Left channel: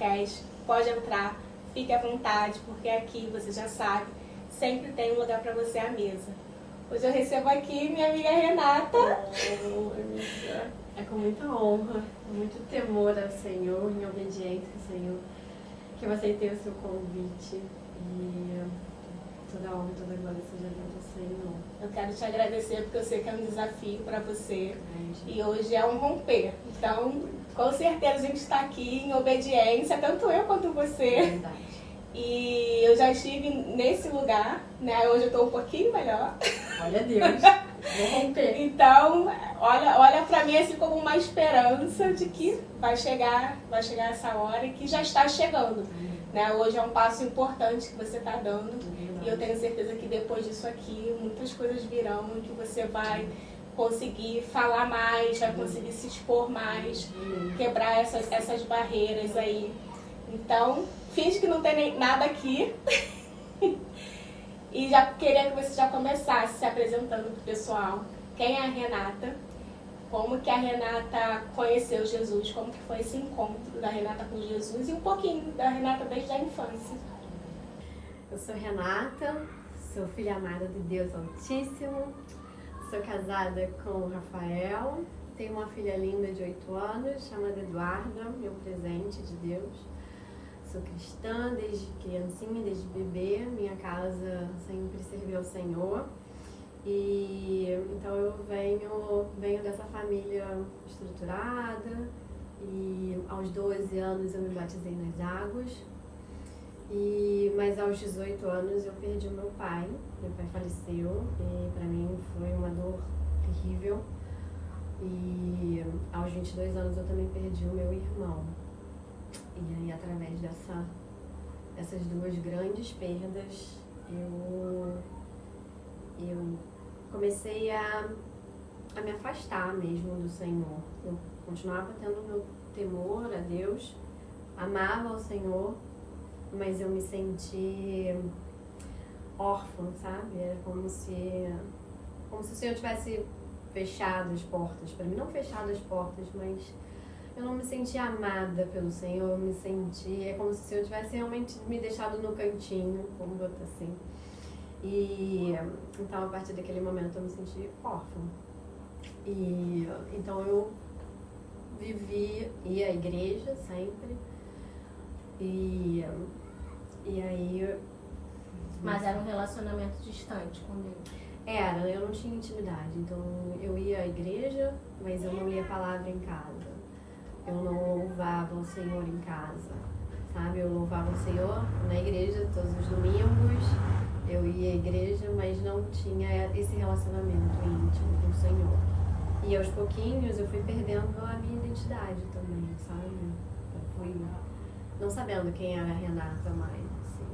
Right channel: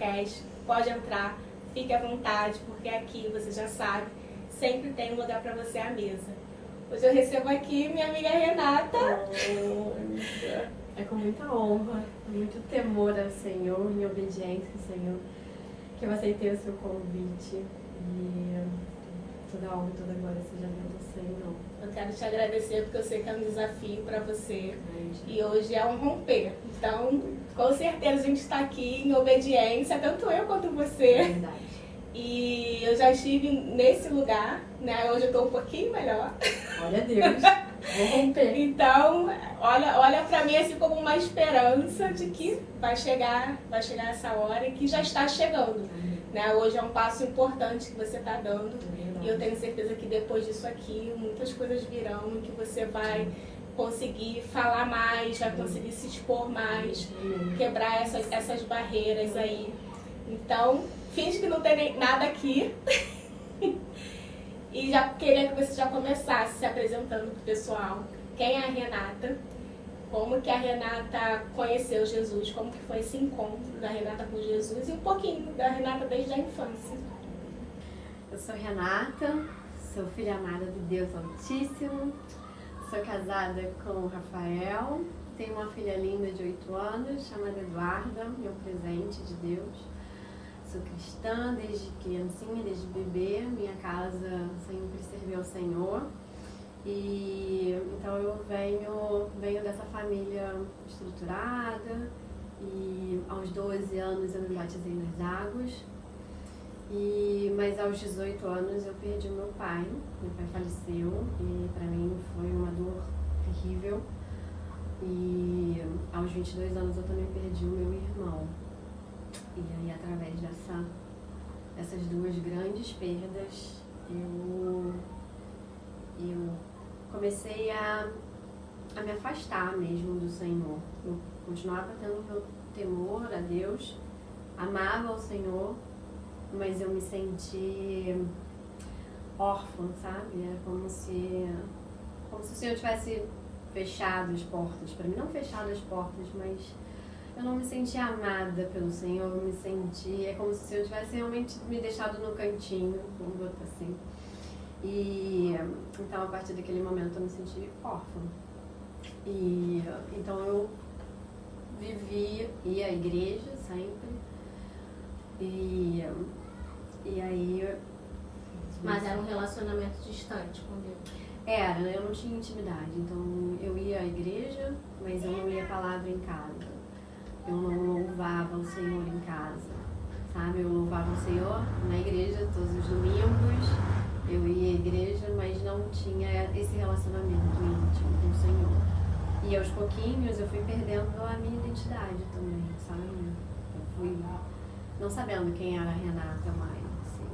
podcast. Pode entrar, fique à vontade, porque aqui, você já sabe, sempre tem um lugar para você à mesa. Hoje eu recebo aqui minha amiga Renata. É com muita honra, muito temor ao Senhor, em obediência ao Senhor, que eu aceitei o seu convite e toda a honra e toda a glória seja dada ao Senhor. Eu quero te agradecer porque eu sei que é um desafio para você e hoje é um romper. Então, com certeza a gente está aqui em obediência, tanto eu quanto você. É verdade. E eu já estive nesse lugar, né? Hoje eu estou um pouquinho melhor. Olha Deus, vou romper. Então, olha para mim assim como uma esperança de que vai chegar essa hora e que já está chegando. Né? Hoje é um passo importante que você está dando e eu tenho certeza que depois disso aqui muitas coisas virão e que você vai conseguir falar mais, vai conseguir se expor mais, quebrar essas barreiras aí. Então, finge que não tem nada aqui. E já queria que você já começasse se apresentando para o pessoal. Quem é a Renata? Como que a Renata conheceu Jesus? Como que foi esse encontro da Renata com Jesus? E um pouquinho da Renata desde a infância. Eu sou Renata, sou filha amada de Deus Altíssimo, sou casada com o Rafael, tenho uma filha linda de 8 anos, chamada Eduarda, meu presente de Deus. Sou cristã desde criancinha, desde bebê, minha casa sempre serviu ao Senhor. E então eu venho dessa família estruturada e aos 12 anos eu me batizei nas águas. Mas aos 18 anos eu perdi o meu pai faleceu e para mim foi uma dor terrível. E aos 22 anos eu também perdi o meu irmão. E aí, através dessas duas grandes perdas, eu comecei a me afastar mesmo do Senhor. Eu continuava tendo meu temor a Deus, amava o Senhor, mas eu me senti órfã, sabe? Era como se o Senhor tivesse fechado as portas. Para mim, não fechado as portas, mas eu não me sentia amada pelo Senhor, é como se o Senhor tivesse realmente me deixado no cantinho, vamos botar assim. E então, a partir daquele momento, eu me senti órfã. E então eu ia à igreja sempre. E aí... Mas era um relacionamento distante com Deus? Era, eu não tinha intimidade. Então, eu ia à igreja, mas eu não lia a palavra em casa. Eu não louvava o Senhor em casa, sabe? Eu louvava o Senhor na igreja todos os domingos, eu ia à igreja, mas não tinha esse relacionamento íntimo com o Senhor. E aos pouquinhos eu fui perdendo a minha identidade também, sabe? Eu fui não sabendo quem era a Renata mais, assim.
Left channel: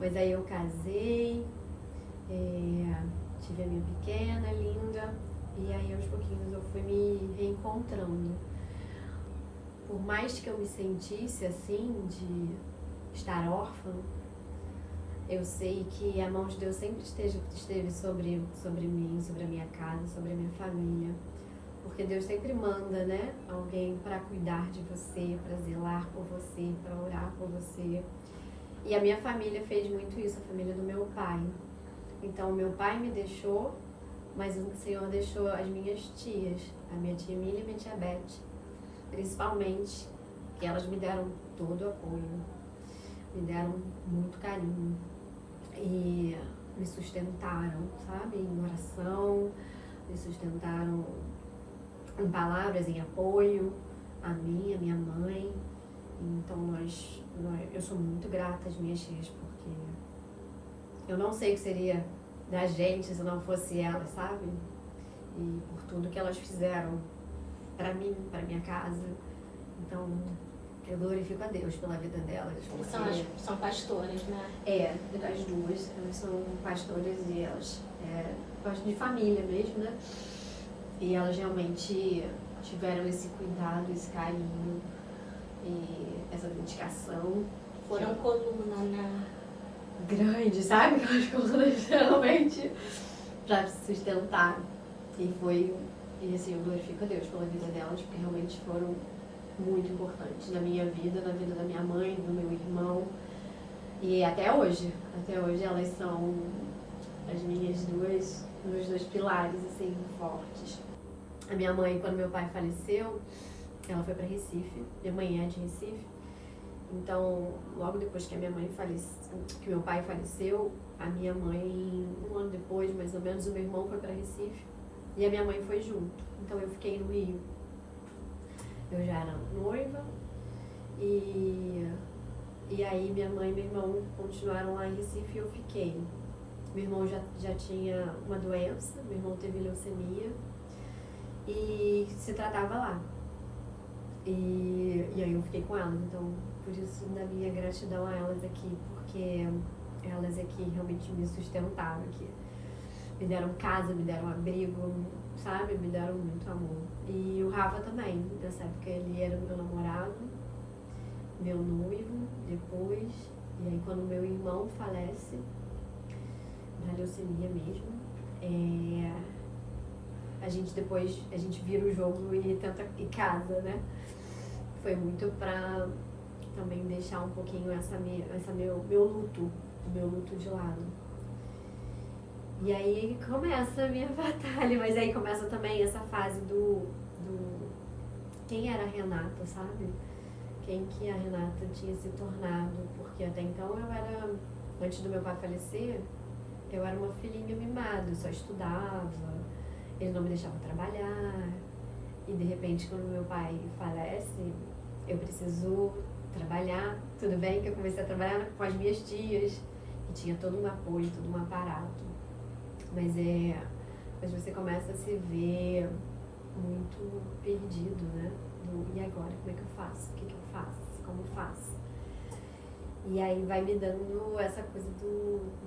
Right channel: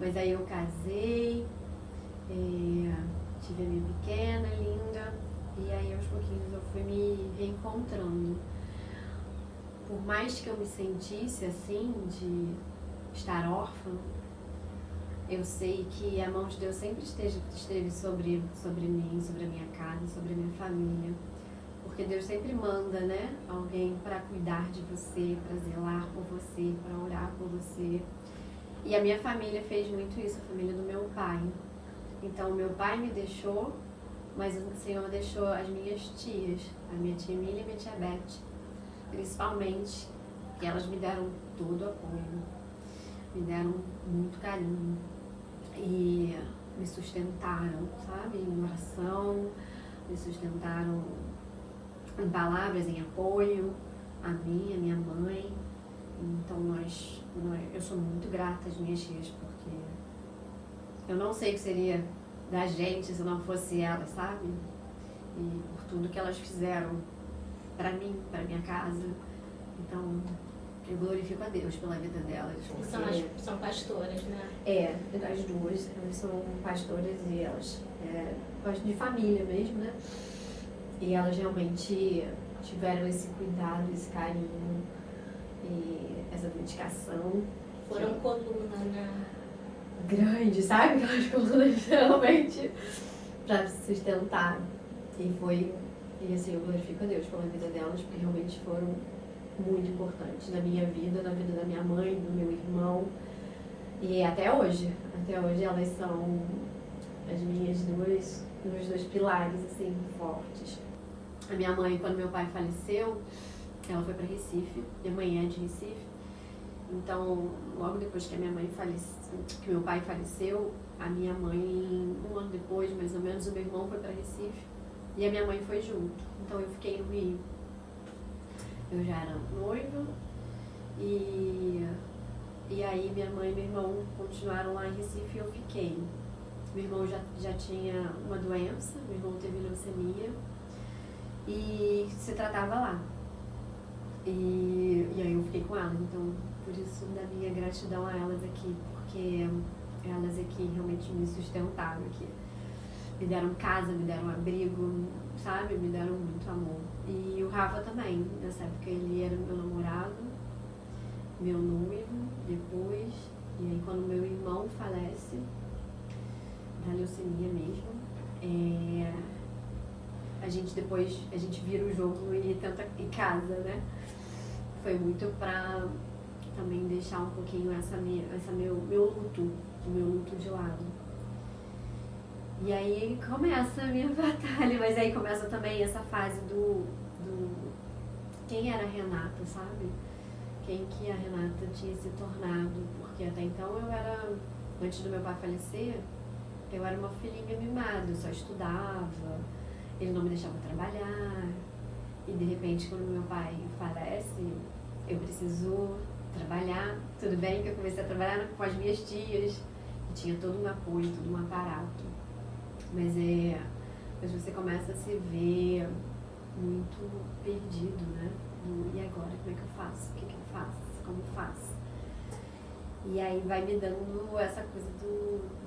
Mas aí eu casei, tive a minha pequena, linda, e aí aos pouquinhos eu fui me reencontrando. Por mais que eu me sentisse assim, de estar órfã, eu sei que a mão de Deus sempre esteve sobre mim, sobre a minha casa, sobre a minha família. Porque Deus sempre manda, né? Alguém para cuidar de você, para zelar por você, para orar por você. E a minha família fez muito isso, a família do meu pai. Então, meu pai me deixou, mas o Senhor deixou as minhas tias, a minha tia Emília e a minha tia Beth. Principalmente, que elas me deram todo o apoio, me deram muito carinho e me sustentaram, sabe, em oração, me sustentaram em palavras, em apoio a mim, a minha mãe. Então eu sou muito grata às minhas tias, porque eu não sei o que seria da gente se não fosse elas, sabe, e por tudo que elas fizeram para mim, para minha casa. Então, eu glorifico a Deus pela vida delas. São pastoras, né? As duas. Elas são pastoras e elas gostam de família mesmo, né? E elas realmente tiveram esse cuidado, esse carinho e essa dedicação. Foram coluna, né? Grande, sabe? Aquelas colunas realmente para sustentar. E assim, eu glorifico a Deus pela vida delas, porque realmente foram muito importante na minha vida, na vida da minha mãe, do meu irmão. E até hoje elas são as minhas meus dois pilares, assim, fortes. A minha mãe, quando meu pai faleceu, ela foi para Recife, minha mãe é de Recife. Então, logo depois que que meu pai faleceu, a minha mãe, um ano depois, mais ou menos, o meu irmão foi para Recife e a minha mãe foi junto. Então eu fiquei no Rio. Eu já era noiva e aí minha mãe e meu irmão continuaram lá em Recife e eu fiquei. Meu irmão já tinha uma doença, meu irmão teve leucemia e se tratava lá. E aí eu fiquei com elas, então por isso da minha gratidão a elas aqui, porque elas aqui realmente me sustentaram aqui. Me deram casa, me deram abrigo, sabe? Me deram muito amor. E o Rafa também, nessa época ele era meu namorado, meu noivo, depois. E aí quando meu irmão falece, da leucemia mesmo, a gente vira o jogo e tenta ir casa, né? Foi muito pra também deixar um pouquinho meu luto de lado. E aí começa a minha batalha, mas aí começa também essa fase do quem era a Renata, sabe? Quem que a Renata tinha se tornado, porque até então antes do meu pai falecer, eu era uma filhinha mimada, eu só estudava, ele não me deixava trabalhar, e de repente quando meu pai falece, eu preciso trabalhar. Tudo bem que eu comecei a trabalhar com as minhas tias, que tinha todo um apoio, todo um aparato. Mas você começa a se ver muito perdido, né? E agora, como é que eu faço? O que eu faço? Como faço? E aí vai me dando essa coisa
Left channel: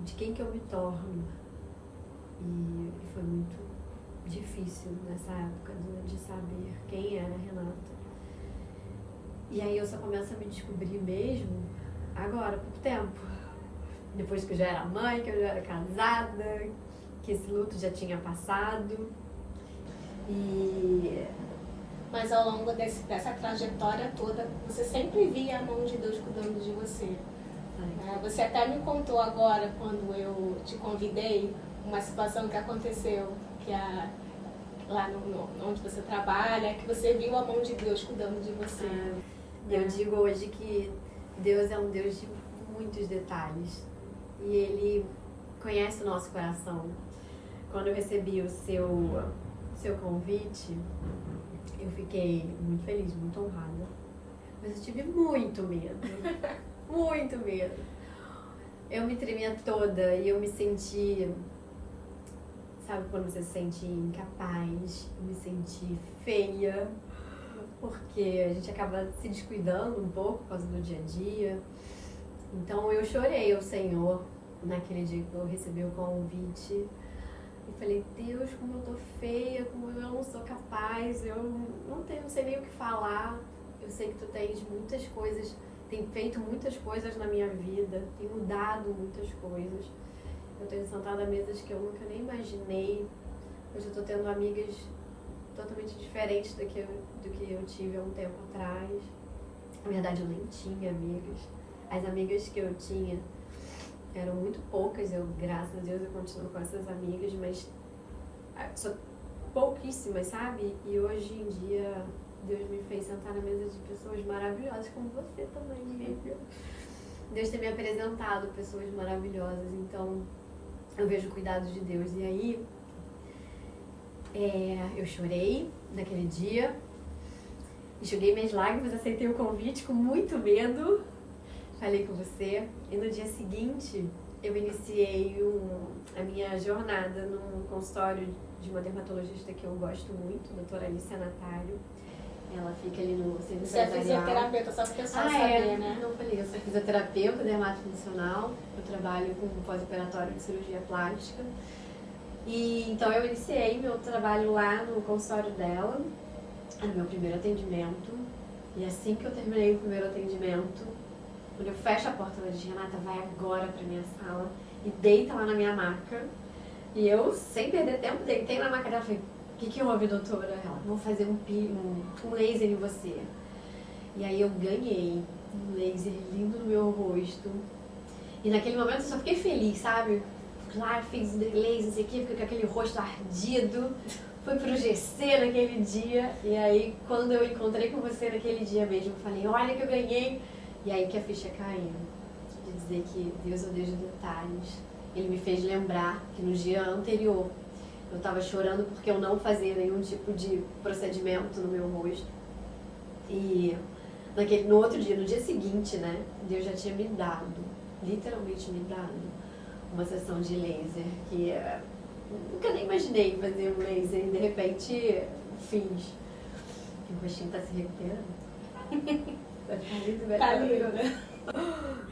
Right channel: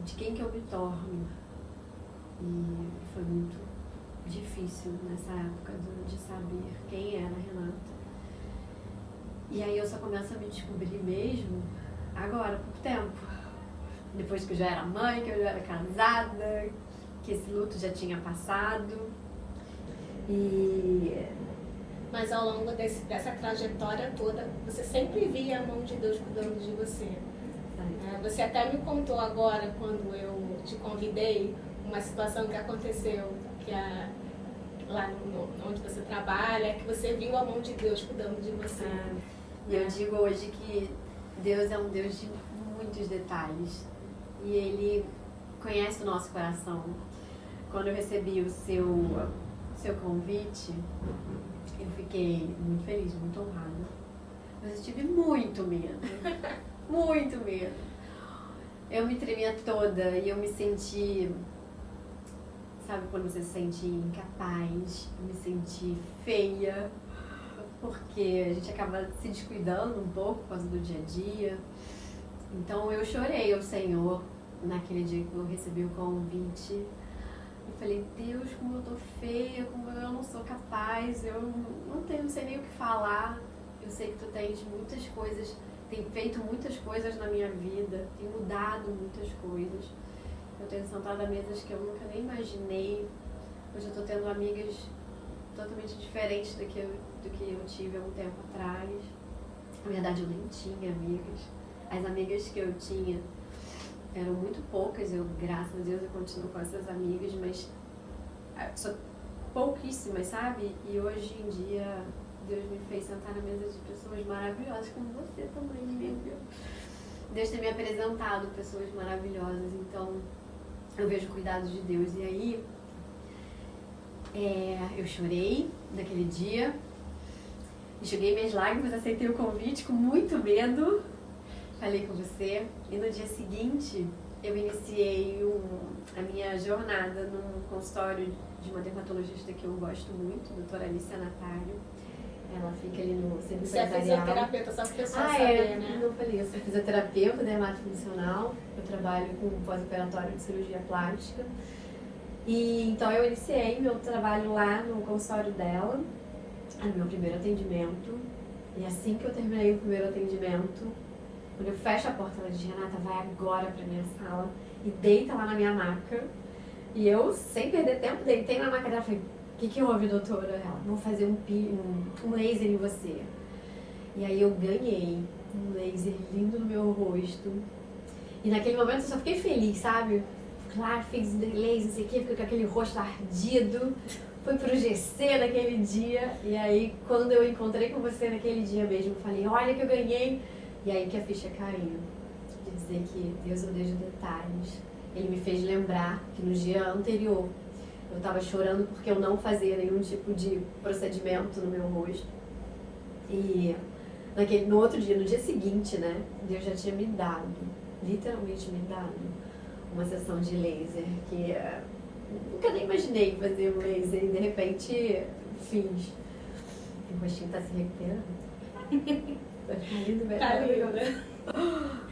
de quem que eu me torno. E foi muito difícil nessa época de saber quem era a Renata. E aí eu só começo a me descobrir mesmo agora, por tempo. Depois que eu já era mãe, que eu já era casada, que esse luto já tinha passado. Mas ao longo dessa trajetória toda, você sempre via a mão de Deus cuidando de você. Você até me contou agora, quando eu te convidei, uma situação que aconteceu, lá onde você trabalha, que você viu a mão de Deus cuidando de você. E eu digo hoje que Deus é um Deus de muitos detalhes. E Ele conhece o nosso coração. Quando eu recebi o seu convite, eu fiquei muito feliz, muito honrada. Mas eu tive muito medo. Muito medo. Eu me tremia toda e eu me senti... Sabe quando você se sente incapaz? Eu me senti feia. Porque a gente acaba se descuidando um pouco por causa do dia a dia. Então eu chorei ao Senhor naquele dia que eu recebi o convite. E falei, Deus, como eu tô feia, como eu não sou capaz, eu não sei nem o que falar. Eu sei que tu tens muitas coisas, tem feito muitas coisas na minha vida, tem mudado muitas coisas. Eu tenho sentado a mesas que eu nunca nem imaginei. Hoje eu tô tendo amigas totalmente diferentes do que eu tive há um tempo atrás. Na verdade, eu nem tinha amigas. As amigas que eu tinha eram muito poucas. Eu, graças a Deus, eu continuo com essas amigas, mas são pouquíssimas, sabe? E hoje em dia, Deus me fez sentar na mesa de pessoas maravilhosas, como você também, Lívia. Deus tem me apresentado pessoas maravilhosas, então eu vejo o cuidado de Deus. E aí, eu chorei naquele dia, enxuguei minhas lágrimas, aceitei o convite com muito medo, falei com você, e no dia seguinte eu iniciei a minha jornada num consultório de uma dermatologista que eu gosto muito, a doutora Alicia Natário. Ela fica ali no centro Você é fisioterapeuta, só que o pessoal saber, né? Não falei, eu sou fisioterapeuta, dermatofuncional, eu trabalho com pós-operatório de cirurgia plástica. E então eu iniciei meu trabalho lá no consultório dela, no meu primeiro atendimento. E assim que eu terminei o primeiro atendimento, quando eu fecho a porta, ela diz, Renata, vai agora pra minha sala e deita lá na minha maca. E eu, sem perder tempo, deitei na maca dela e falei, o que houve, doutora? Ela, vamos fazer um laser em você. E aí eu ganhei um laser lindo no meu rosto. E naquele momento eu só fiquei feliz, sabe? Claro, fiz o laser, não sei o quê, fiquei com aquele rosto ardido. Fui pro GC naquele dia. E aí, quando eu encontrei com você naquele dia mesmo, eu falei, olha que eu ganhei. E aí que a ficha caiu. De dizer que Deus é o Deus de detalhes. Ele me fez lembrar que no dia anterior eu tava chorando porque eu não fazia nenhum tipo de procedimento no meu rosto. E no outro dia, no dia seguinte, né, Deus já tinha me dado, literalmente me dado, uma sessão de laser que nunca nem imaginei fazer um laser e de repente fiz. O rostinho tá se recuperando. Vai ficar lindo, vai ficar lindo.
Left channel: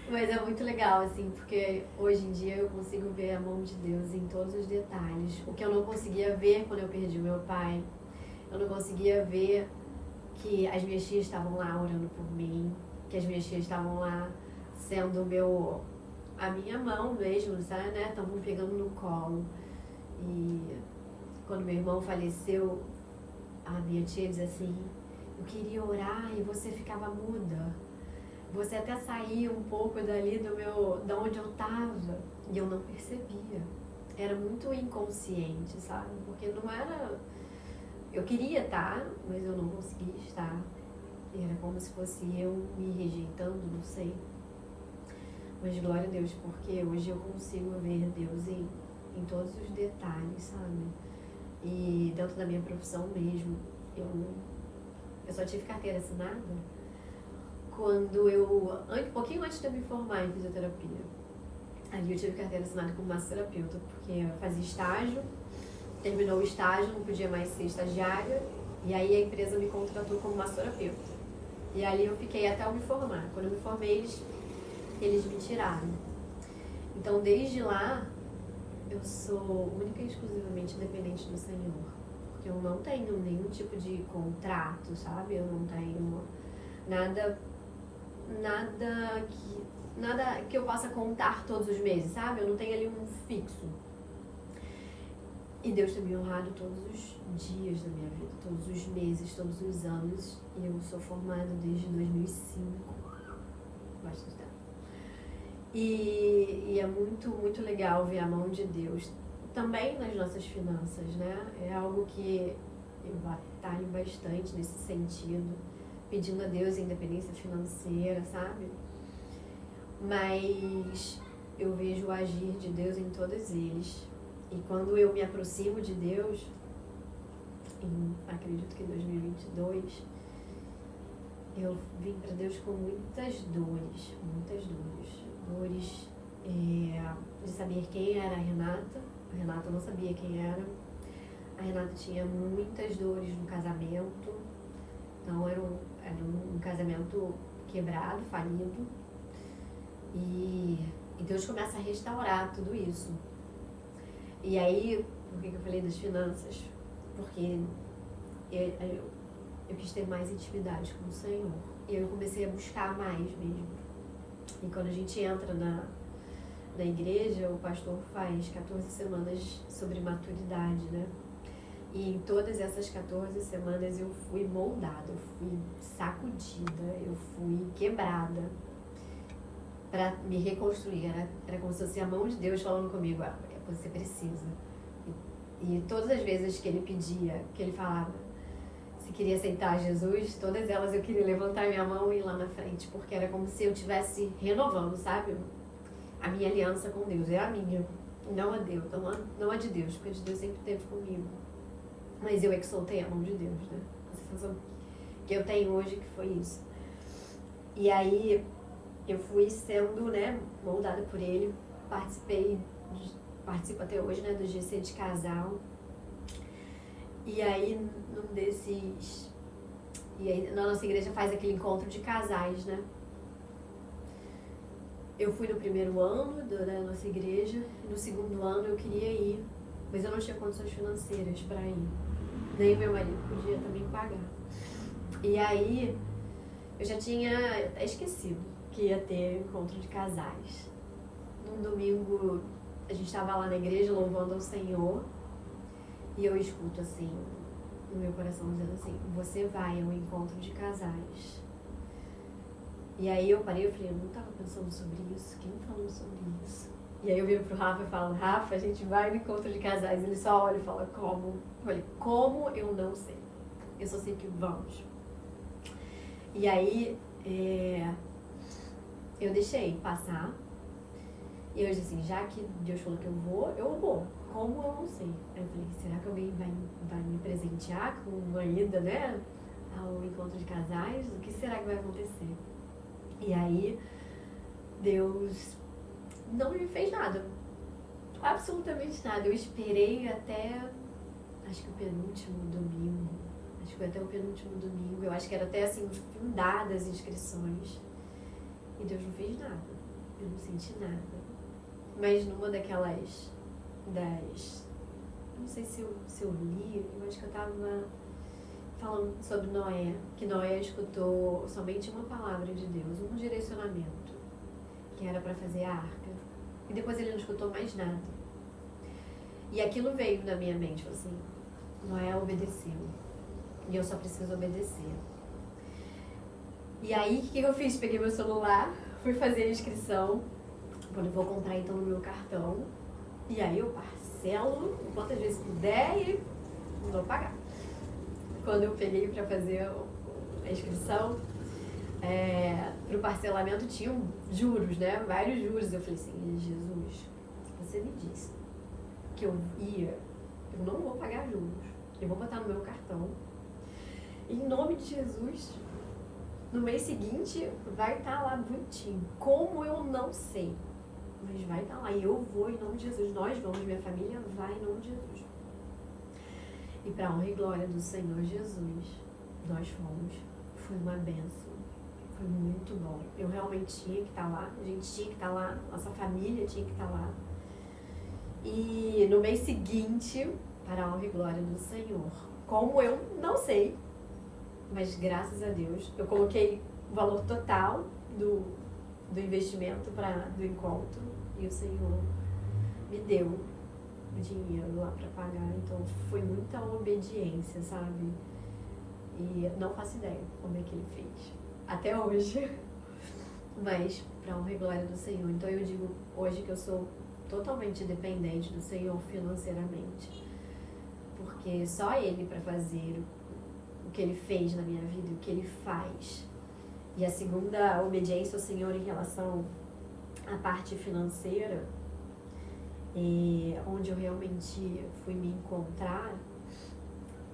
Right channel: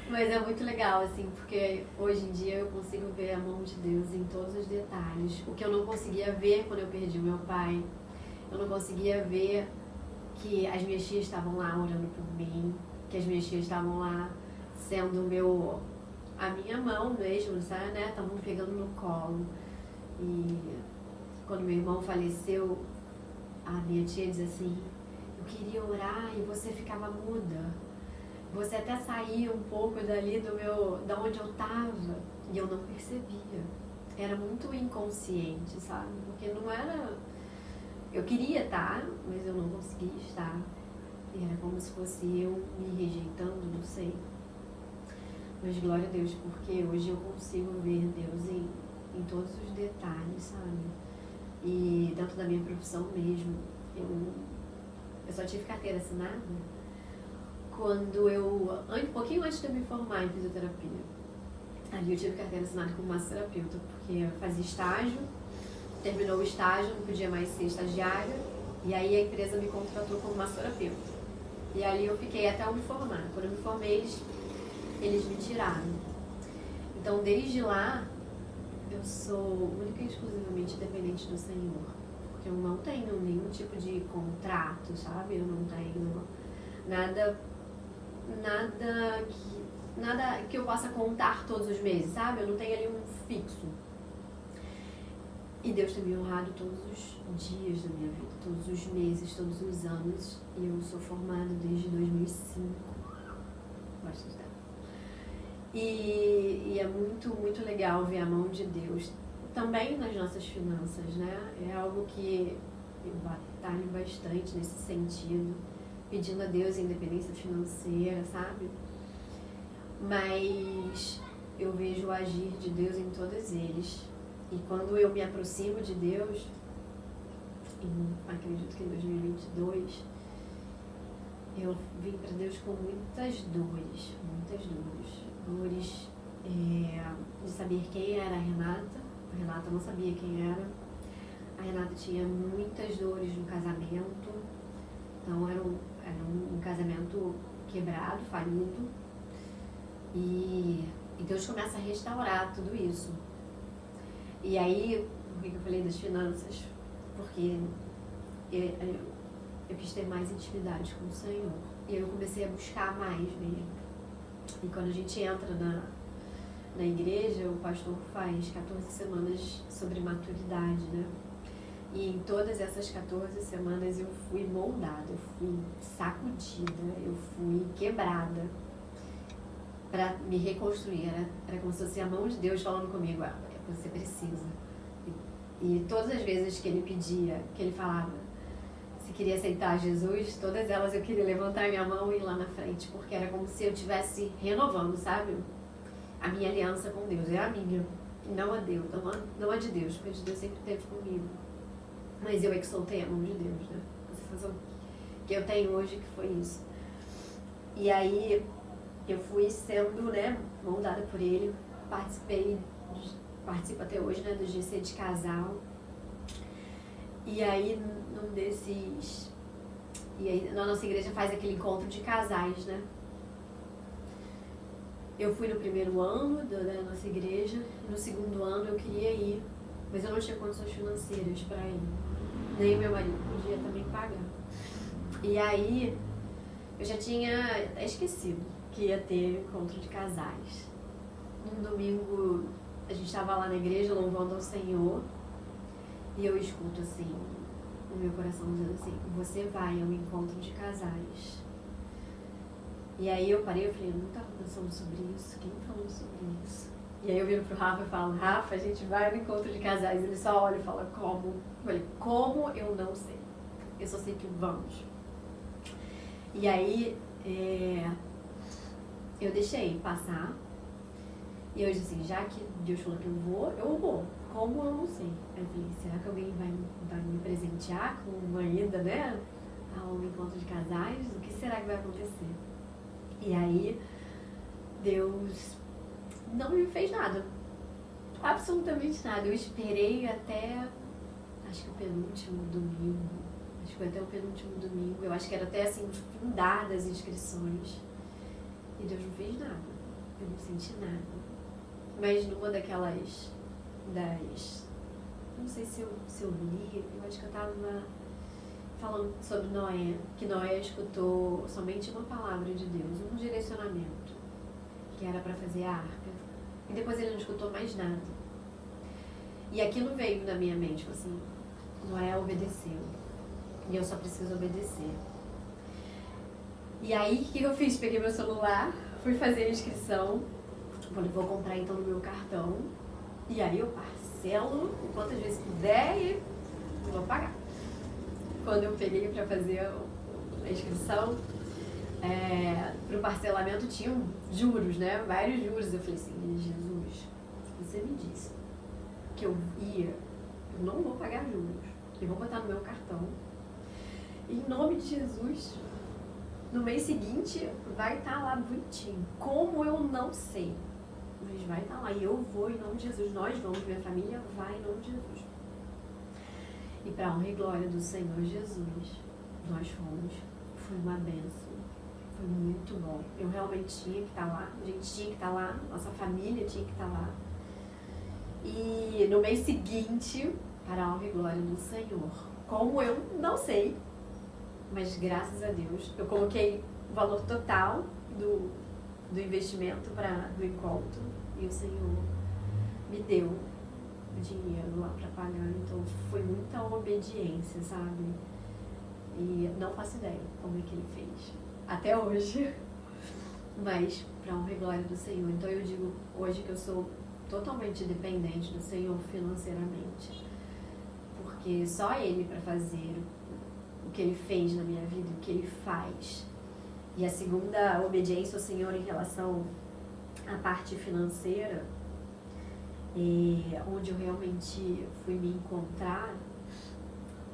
Mas é muito legal, assim, porque hoje em dia eu consigo ver a mão de Deus em todos os detalhes. O que eu não conseguia ver quando eu perdi o meu pai, eu não conseguia ver que as minhas tias estavam lá orando por mim, que as minhas tias estavam lá sendo a minha mão mesmo, sabe, né? Estavam pegando no colo. E quando meu irmão faleceu, a minha tia diz assim, eu queria orar e você ficava muda. Você até saía um pouco dali da onde eu tava e eu não percebia. Era muito inconsciente, sabe? Porque não era... Eu queria estar, mas eu não conseguia estar. E era como se fosse eu me rejeitando, não sei. Mas glória a Deus, porque hoje eu consigo ver Deus em todos os detalhes, sabe? E dentro da minha profissão mesmo, eu só tive carteira assinada quando um pouquinho antes de eu me formar em fisioterapia. Ali eu tive carteira assinada como massoterapeuta, porque eu fazia estágio, terminou o estágio, não podia mais ser estagiária, e aí a empresa me contratou como massoterapeuta. E ali eu fiquei até eu me formar. Quando eu me formei, eles me tiraram. Então, desde lá, eu sou única e exclusivamente dependente do Senhor. Porque eu não tenho nenhum tipo de contrato, sabe? Eu não tenho nada que eu possa contar todos os meses, sabe? Eu não tenho ali um fixo. E Deus tem me honrado todos os dias da minha vida, todos os meses, todos os anos. E eu sou formada desde 2005. Bastante tempo. E é muito, muito legal ver a mão de Deus também nas nossas finanças, né? É algo que eu batalho bastante nesse sentido, pedindo a Deus a independência financeira, sabe? Mas eu vejo o agir de Deus em todos eles. E quando eu me aproximo de Deus, acredito que em 2022, eu vim para Deus com muitas dores. Dores de saber quem era a Renata. A Renata não sabia quem era. A Renata tinha muitas dores no casamento. Então era um casamento quebrado, falido. E Deus começa a restaurar tudo isso. E aí, por que eu falei das finanças? Porque eu quis ter mais intimidade com o Senhor. E eu comecei a buscar mais mesmo. E quando a gente entra na igreja, o pastor faz 14 semanas sobre maturidade, né? E em todas essas 14 semanas eu fui moldada, eu fui sacudida, eu fui quebrada para me reconstruir. Era como se fosse a mão de Deus falando comigo, você precisa. E todas as vezes que ele pedia, que ele falava, se queria aceitar Jesus, todas elas eu queria levantar minha mão e ir lá na frente, porque era como se eu estivesse renovando, sabe? A minha aliança com Deus, é a minha, não a Deus, não a de Deus, porque a de Deus sempre esteve comigo. Mas eu é que soltei a mão de Deus, né? A sensação que eu tenho hoje que foi isso. E aí eu fui sendo, né, moldada por ele, participo até hoje, né, do GC de casal. E aí, na nossa igreja faz aquele encontro de casais, né? Eu fui no primeiro ano da nossa igreja, e no segundo ano eu queria ir, mas eu não tinha condições financeiras para ir. Nem o meu marido podia também pagar. E aí, eu já tinha esquecido que ia ter encontro de casais. Num domingo, a gente estava lá na igreja louvando ao Senhor, e eu escuto assim, no meu coração dizendo assim, você vai ao encontro de casais. E aí eu parei e falei, eu não estava pensando sobre isso, quem falou sobre isso? E aí eu viro pro Rafa e falo, Rafa, a gente vai no encontro de casais. Ele só olha e fala, como? Eu falei, como? Eu não sei. Eu só sei que vamos. E aí eu deixei passar. E eu disse assim, já que Deus falou que eu vou. Como eu não sei. Aí eu falei, será que alguém vai me presentear com uma ida, né? Ao encontro de casais? O que será que vai acontecer? E aí, Deus não me fez nada. Absolutamente nada. Eu esperei até, acho que o penúltimo domingo. Acho que foi até o penúltimo domingo. Eu acho que era até assim, findar das inscrições. E Deus não fez nada. Eu não senti nada. Mas numa daquelas, não sei se eu li, eu acho que eu estava falando sobre Noé, que Noé escutou somente uma palavra de Deus, um direcionamento, que era para fazer a arca. E depois ele não escutou mais nada. E aquilo veio na minha mente, falou assim, Noé obedeceu. E eu só preciso obedecer. E aí, o que eu fiz? Peguei meu celular, fui fazer a inscrição. Falei, vou comprar então no meu cartão. E aí eu parcelo quantas vezes puder e vou pagar. Quando eu peguei para fazer a inscrição, para o parcelamento tinham juros, né? Vários juros. Eu falei assim, Jesus, se você me disse que eu não vou pagar juros. Eu vou botar no meu cartão. Em nome de Jesus, no mês seguinte vai estar lá bonitinho. Como eu não sei. Mas vai estar lá. E eu vou em nome de Jesus. Nós vamos, minha família vai em nome de Jesus. E para a honra e glória do Senhor Jesus, nós fomos. Foi uma bênção. Foi muito bom. Eu realmente tinha que estar lá. A gente tinha que estar lá. Nossa família tinha que estar lá. E no mês seguinte, para a honra e glória do Senhor. Como eu não sei. Mas graças a Deus, eu coloquei o valor total do investimento do encontro e o Senhor me deu o dinheiro lá para pagar. Então foi muita obediência, sabe? E não faço ideia como é que ele fez até hoje, mas para honra e glória do Senhor. Então eu digo hoje que eu sou totalmente dependente do Senhor financeiramente, porque só Ele para fazer o que Ele fez na minha vida, o que Ele faz. E a segunda obediência ao Senhor em relação à parte financeira, onde eu realmente fui me encontrar,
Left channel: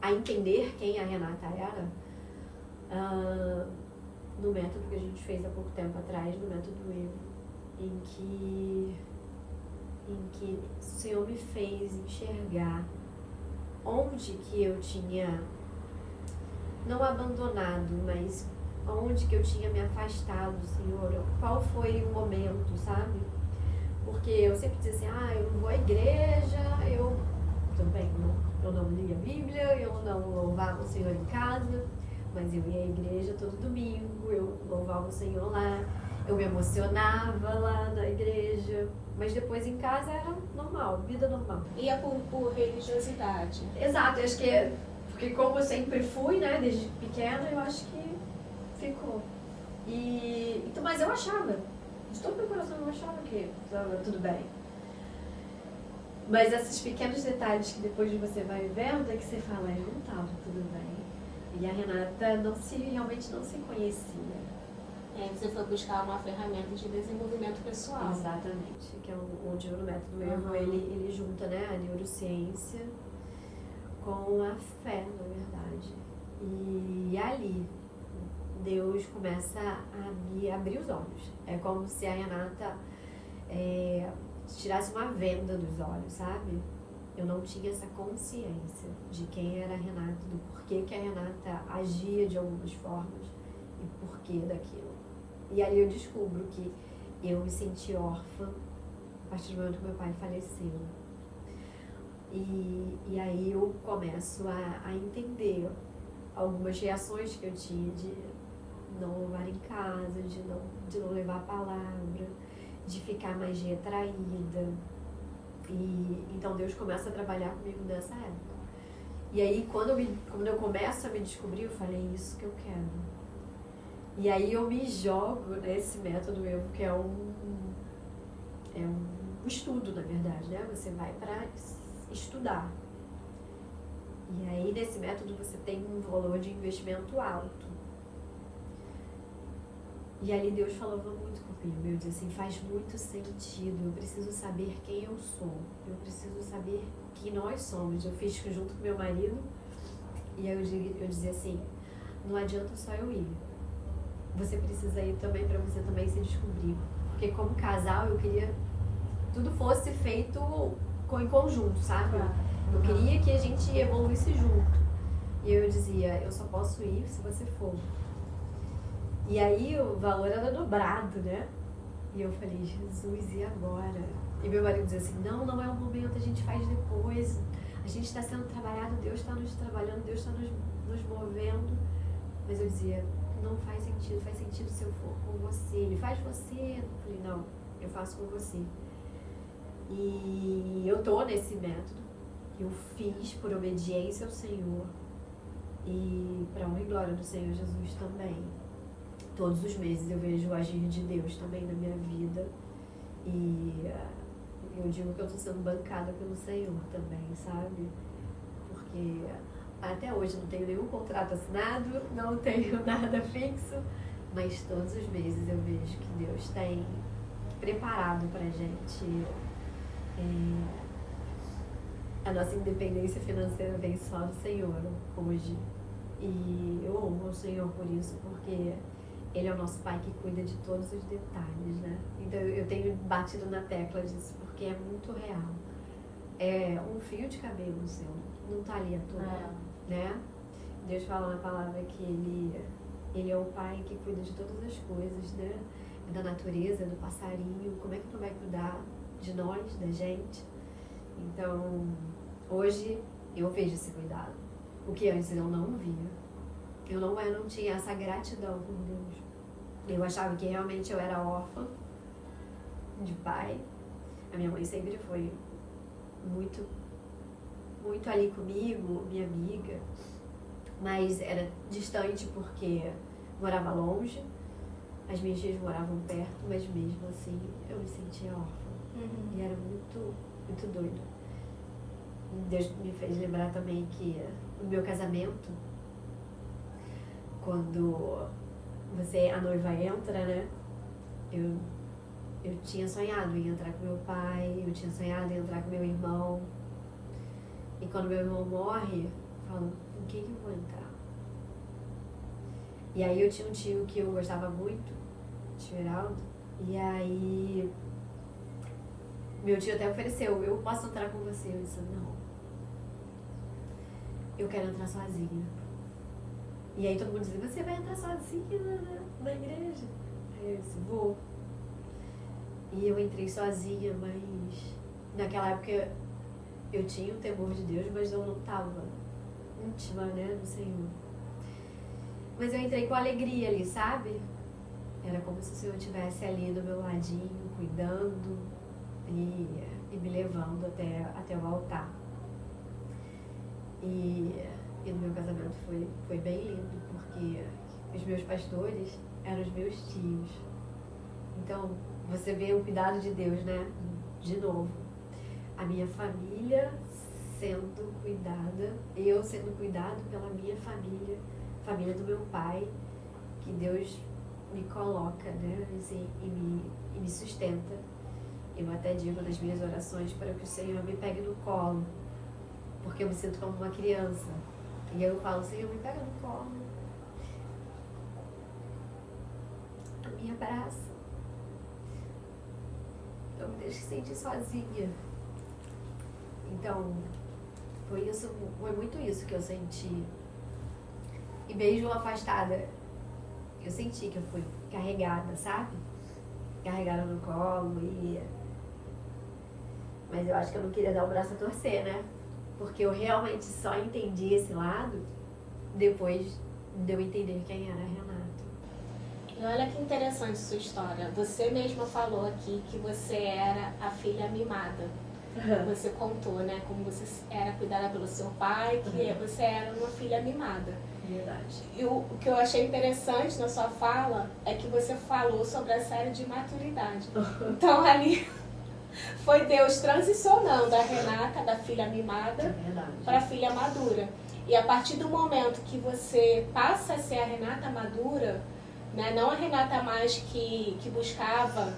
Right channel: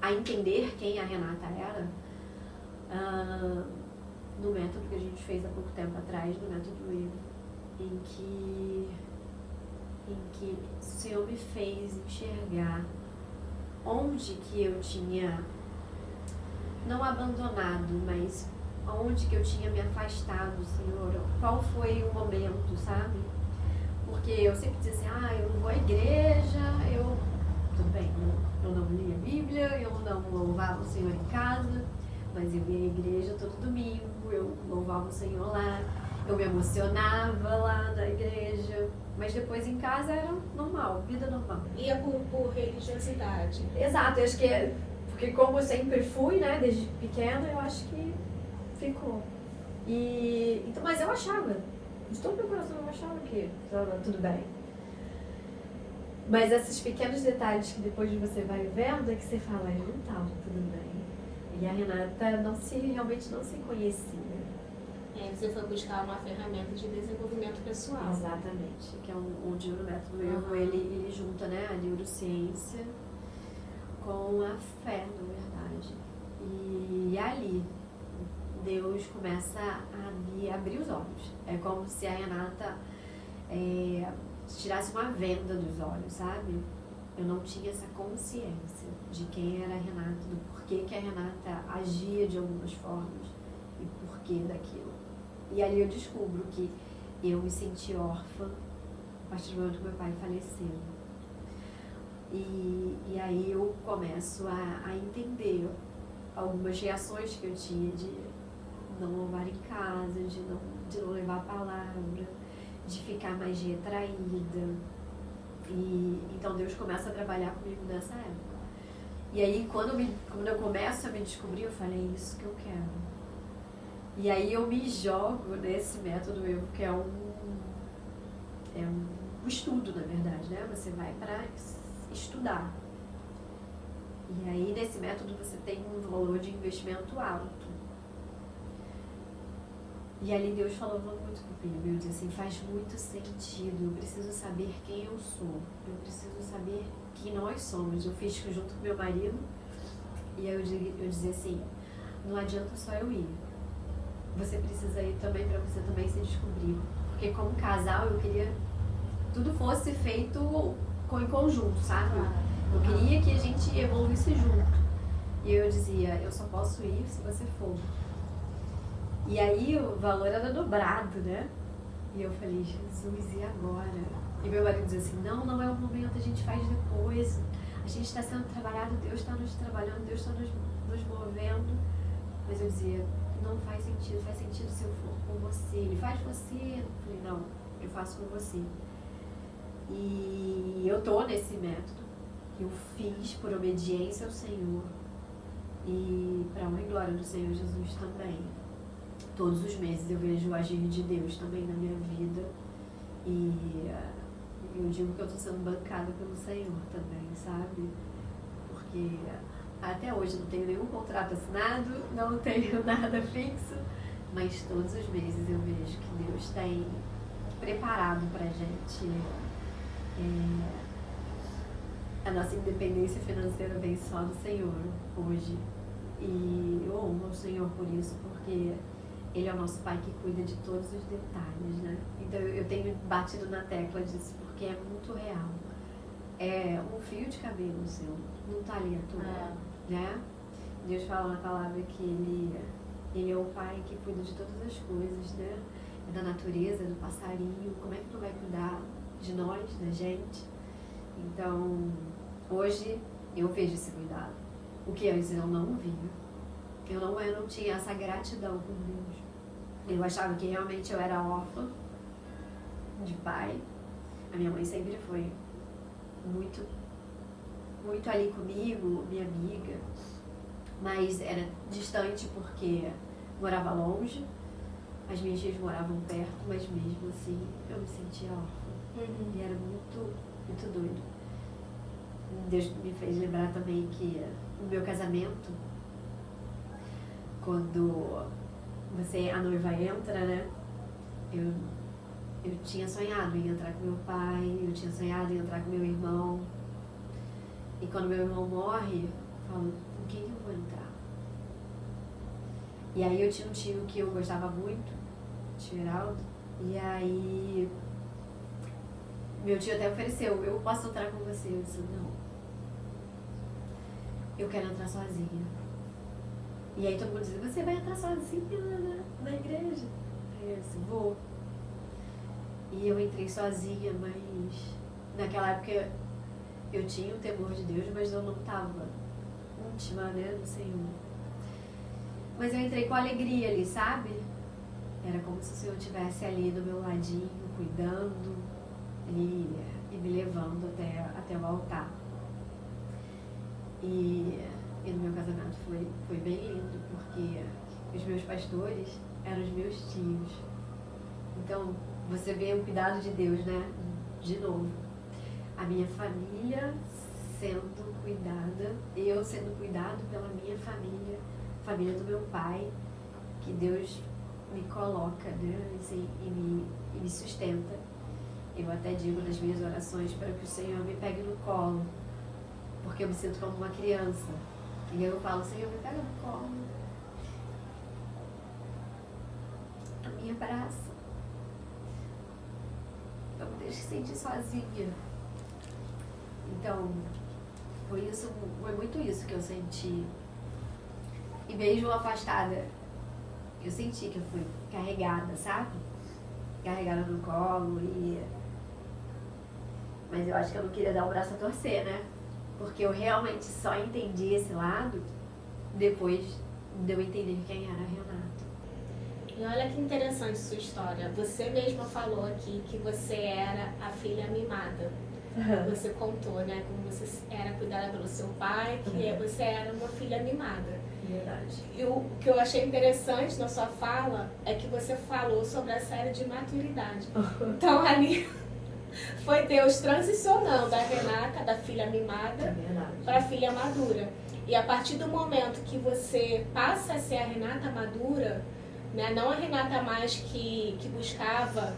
a entender quem a Renata era, no método que a gente fez há pouco tempo atrás, no método Eu, em que o Senhor me fez enxergar onde que eu tinha, não abandonado, mas onde que eu tinha me afastado, Senhor, qual foi o momento, sabe? Porque eu sempre dizia assim, eu não vou à igreja, tudo bem, eu não lia a Bíblia, eu não louvava o Senhor em casa, mas eu ia à igreja todo domingo, eu louvava o Senhor lá, eu me emocionava lá na igreja, mas depois em casa era normal, vida normal. Ia por religiosidade. Exato, eu acho que porque como eu sempre fui, né, desde pequena, eu acho que ficou. Então, mas eu achava, de todo meu coração eu achava que estava tudo bem. Mas esses pequenos detalhes que depois você vai vendo é que você fala, não estava tudo bem. E a Renata realmente não se conhecia. Você foi buscar uma ferramenta de desenvolvimento pessoal. Exatamente, que é onde o método Eu, ele junta, né, a neurociência com a fé, na verdade. E ali, Deus começa a me abrir os olhos. É como se a Renata tirasse uma venda dos olhos, sabe? Eu não tinha essa consciência de quem era a Renata, do porquê que a Renata agia de algumas formas e porquê daquilo. E ali eu descubro que eu me senti órfã a partir do momento que meu pai faleceu. E aí eu começo a entender algumas reações que eu tinha de não louvar em casa, de não levar a palavra, de ficar mais retraída. Então Deus começa a trabalhar comigo nessa época. E aí quando eu começo a me descobrir, eu falei, é isso que eu quero. E aí eu me jogo nesse método Evo, que é um estudo, na verdade, né? Você vai para estudar. E aí, nesse método, você tem um valor de investimento alto. E ali Deus falava muito comigo. Eu disse assim, faz muito sentido. Eu preciso saber quem eu sou. Eu preciso saber quem nós somos. Eu fiz junto com meu marido. E aí eu dizia assim, não adianta só eu ir. Você precisa ir também para você também se descobrir. Porque como casal, eu queria que tudo fosse feito em conjunto, sabe? Eu queria que a gente evoluísse junto. E eu dizia, eu só posso ir se você for. E aí o valor era dobrado, né? E eu falei, Jesus, e agora? E meu marido dizia assim, não é o momento, a gente faz depois. A gente está sendo trabalhado, Deus está nos trabalhando, Deus está nos movendo. Mas eu dizia, não faz sentido se eu for com você. Ele faz você. Eu falei, não, eu faço com você. E eu tô nesse método. Eu fiz por obediência ao Senhor e para honra e glória do Senhor Jesus também. Todos os meses eu vejo o agir de Deus também na minha vida e eu digo que eu estou sendo bancada pelo Senhor também, sabe? Porque até hoje não tenho nenhum contrato assinado, não tenho nada fixo, mas todos os meses eu vejo que Deus tem preparado pra gente. A nossa independência financeira vem só do Senhor hoje. E eu honro o Senhor por isso, porque Ele é o nosso Pai que cuida de todos os detalhes, né? Então eu tenho batido na tecla disso, porque é muito real. É um fio de cabelo seu, não tá ali à toa, né? Deus fala na palavra que Ele é o Pai que cuida de todas as coisas, né? É da natureza, do passarinho, como é que não vai cuidar de nós, da gente? Então, hoje eu vejo esse cuidado. O que antes eu não via. Eu não tinha essa gratidão por Deus. Eu achava que realmente eu era órfã de pai. A minha mãe sempre foi muito, muito ali comigo, minha amiga. Mas era distante porque morava longe. As minhas tias moravam perto, mas mesmo assim eu me sentia órfã. E era muito, muito doido. Deus me fez lembrar também que o meu casamento, quando a noiva entra, né? Eu tinha sonhado em entrar com meu pai, eu tinha sonhado em entrar com meu irmão. E quando meu irmão morre, eu falo, com quem que eu vou entrar? E aí eu tinha um tio que eu gostava muito, tio Heraldo, e aí meu tio até ofereceu, eu posso entrar com você? Eu disse, não. Eu quero entrar sozinha. E aí todo mundo dizia, você vai entrar sozinha na igreja? Aí eu disse, vou. E eu entrei sozinha, mas naquela época eu tinha o temor de Deus, mas eu não estava íntima, né, do Senhor. Mas eu entrei com alegria ali, sabe? Era como se o Senhor estivesse ali do meu ladinho, cuidando e me levando até o altar. E no meu casamento foi bem lindo, porque os meus pastores eram os meus tios. Então, você vê o cuidado de Deus, né? De novo. A minha família sendo cuidada, eu sendo cuidado pela minha família, família do meu pai, que Deus me coloca, né? Assim, e me sustenta. Eu até digo nas minhas orações para que o Senhor me pegue no colo, porque eu me sinto como uma criança. E eu falo, Senhor, me pega no colo, me abraça, não me deixe sentir sozinha. Então, foi muito isso que eu senti. E mesmo afastada, eu senti que eu fui carregada, sabe? Carregada no colo Mas eu acho que eu não queria dar o braço a torcer, né? Porque eu realmente só entendi esse lado depois de eu entender quem era Renato. E olha que interessante sua história. Você mesma falou aqui que você era a filha mimada. Você contou, né? Como você era cuidada pelo seu pai, que você era uma filha mimada. Verdade. E o que eu achei interessante na sua fala é que você falou sobre a série de maturidade. Então ali foi Deus transicionando a Renata, da filha mimada, para a filha madura. E a partir do momento que você passa a ser a Renata madura, né, não a Renata mais que buscava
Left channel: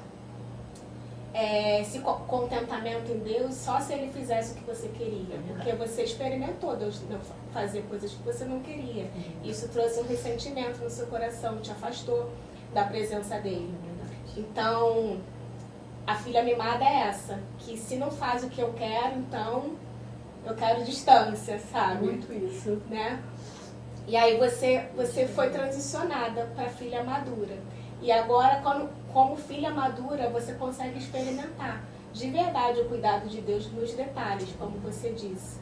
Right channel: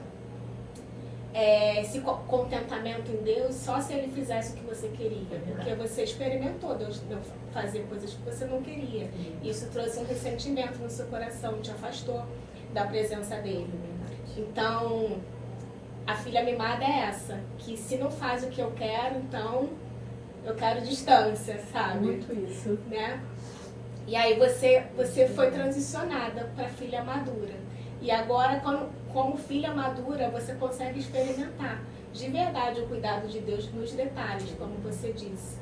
esse contentamento em Deus só se Ele fizesse o que você queria. Porque você experimentou Deus não fazer coisas que você não queria. Isso trouxe um ressentimento no seu coração, te afastou da presença dEle. Então, a filha mimada é essa, que se não faz o que eu quero, então eu quero distância, sabe? Muito isso. Né? E aí você foi transicionada para filha madura. E agora, como filha madura, você consegue experimentar de verdade o cuidado de Deus nos detalhes, como você disse.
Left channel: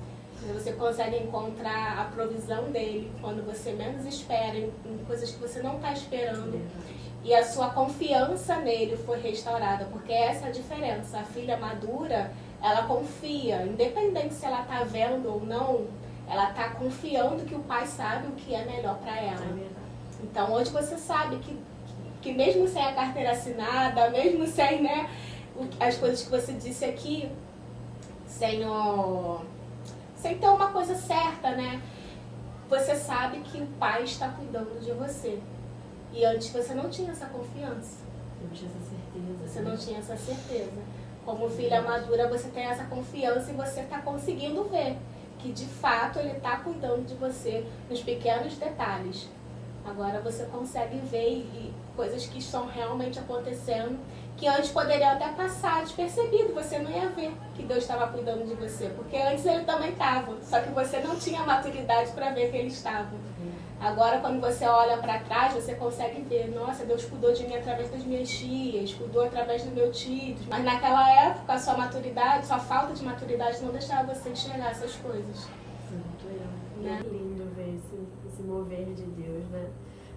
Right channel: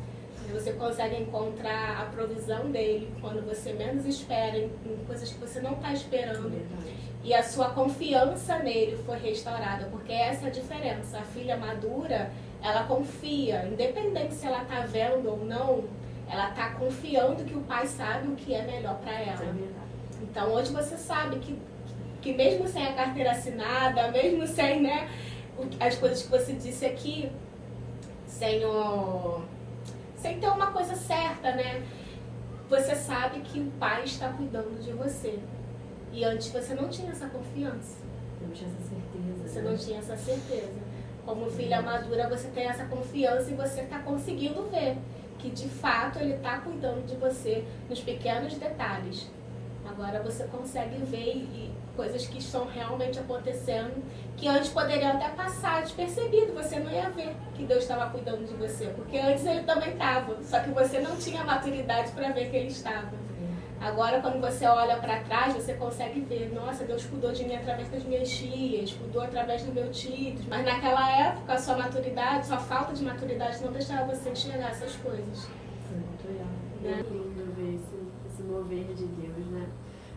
Você consegue encontrar a provisão dele quando você menos espera, em coisas que você não está esperando. E a sua confiança nele foi restaurada, porque essa é a diferença. A filha madura, ela confia, independente se ela está vendo ou não, ela está confiando que o pai sabe o que é melhor para ela. Então hoje você sabe que mesmo sem a carteira assinada, mesmo sem, né, as coisas que você disse aqui, sem ter uma coisa certa, né, você sabe que o pai está cuidando de você. E antes você não tinha essa confiança. Não tinha essa certeza. Você não tinha essa certeza. Como filha madura, você tem essa confiança e você está conseguindo ver que de fato ele está cuidando de você nos pequenos detalhes. Agora você consegue ver coisas que estão realmente acontecendo, que antes poderiam até passar despercebido, você não ia ver que Deus estava cuidando de você, porque antes ele também estava, só que você não tinha maturidade para ver que ele estava. Agora, quando você olha para trás, você consegue ver, nossa, Deus cuidou de mim através das minhas tias, cuidou através do meu tio. Mas naquela época, a sua maturidade, sua falta de maturidade não deixava você enxergar essas coisas. Muito legal. É lindo ver esse mover de Deus, né?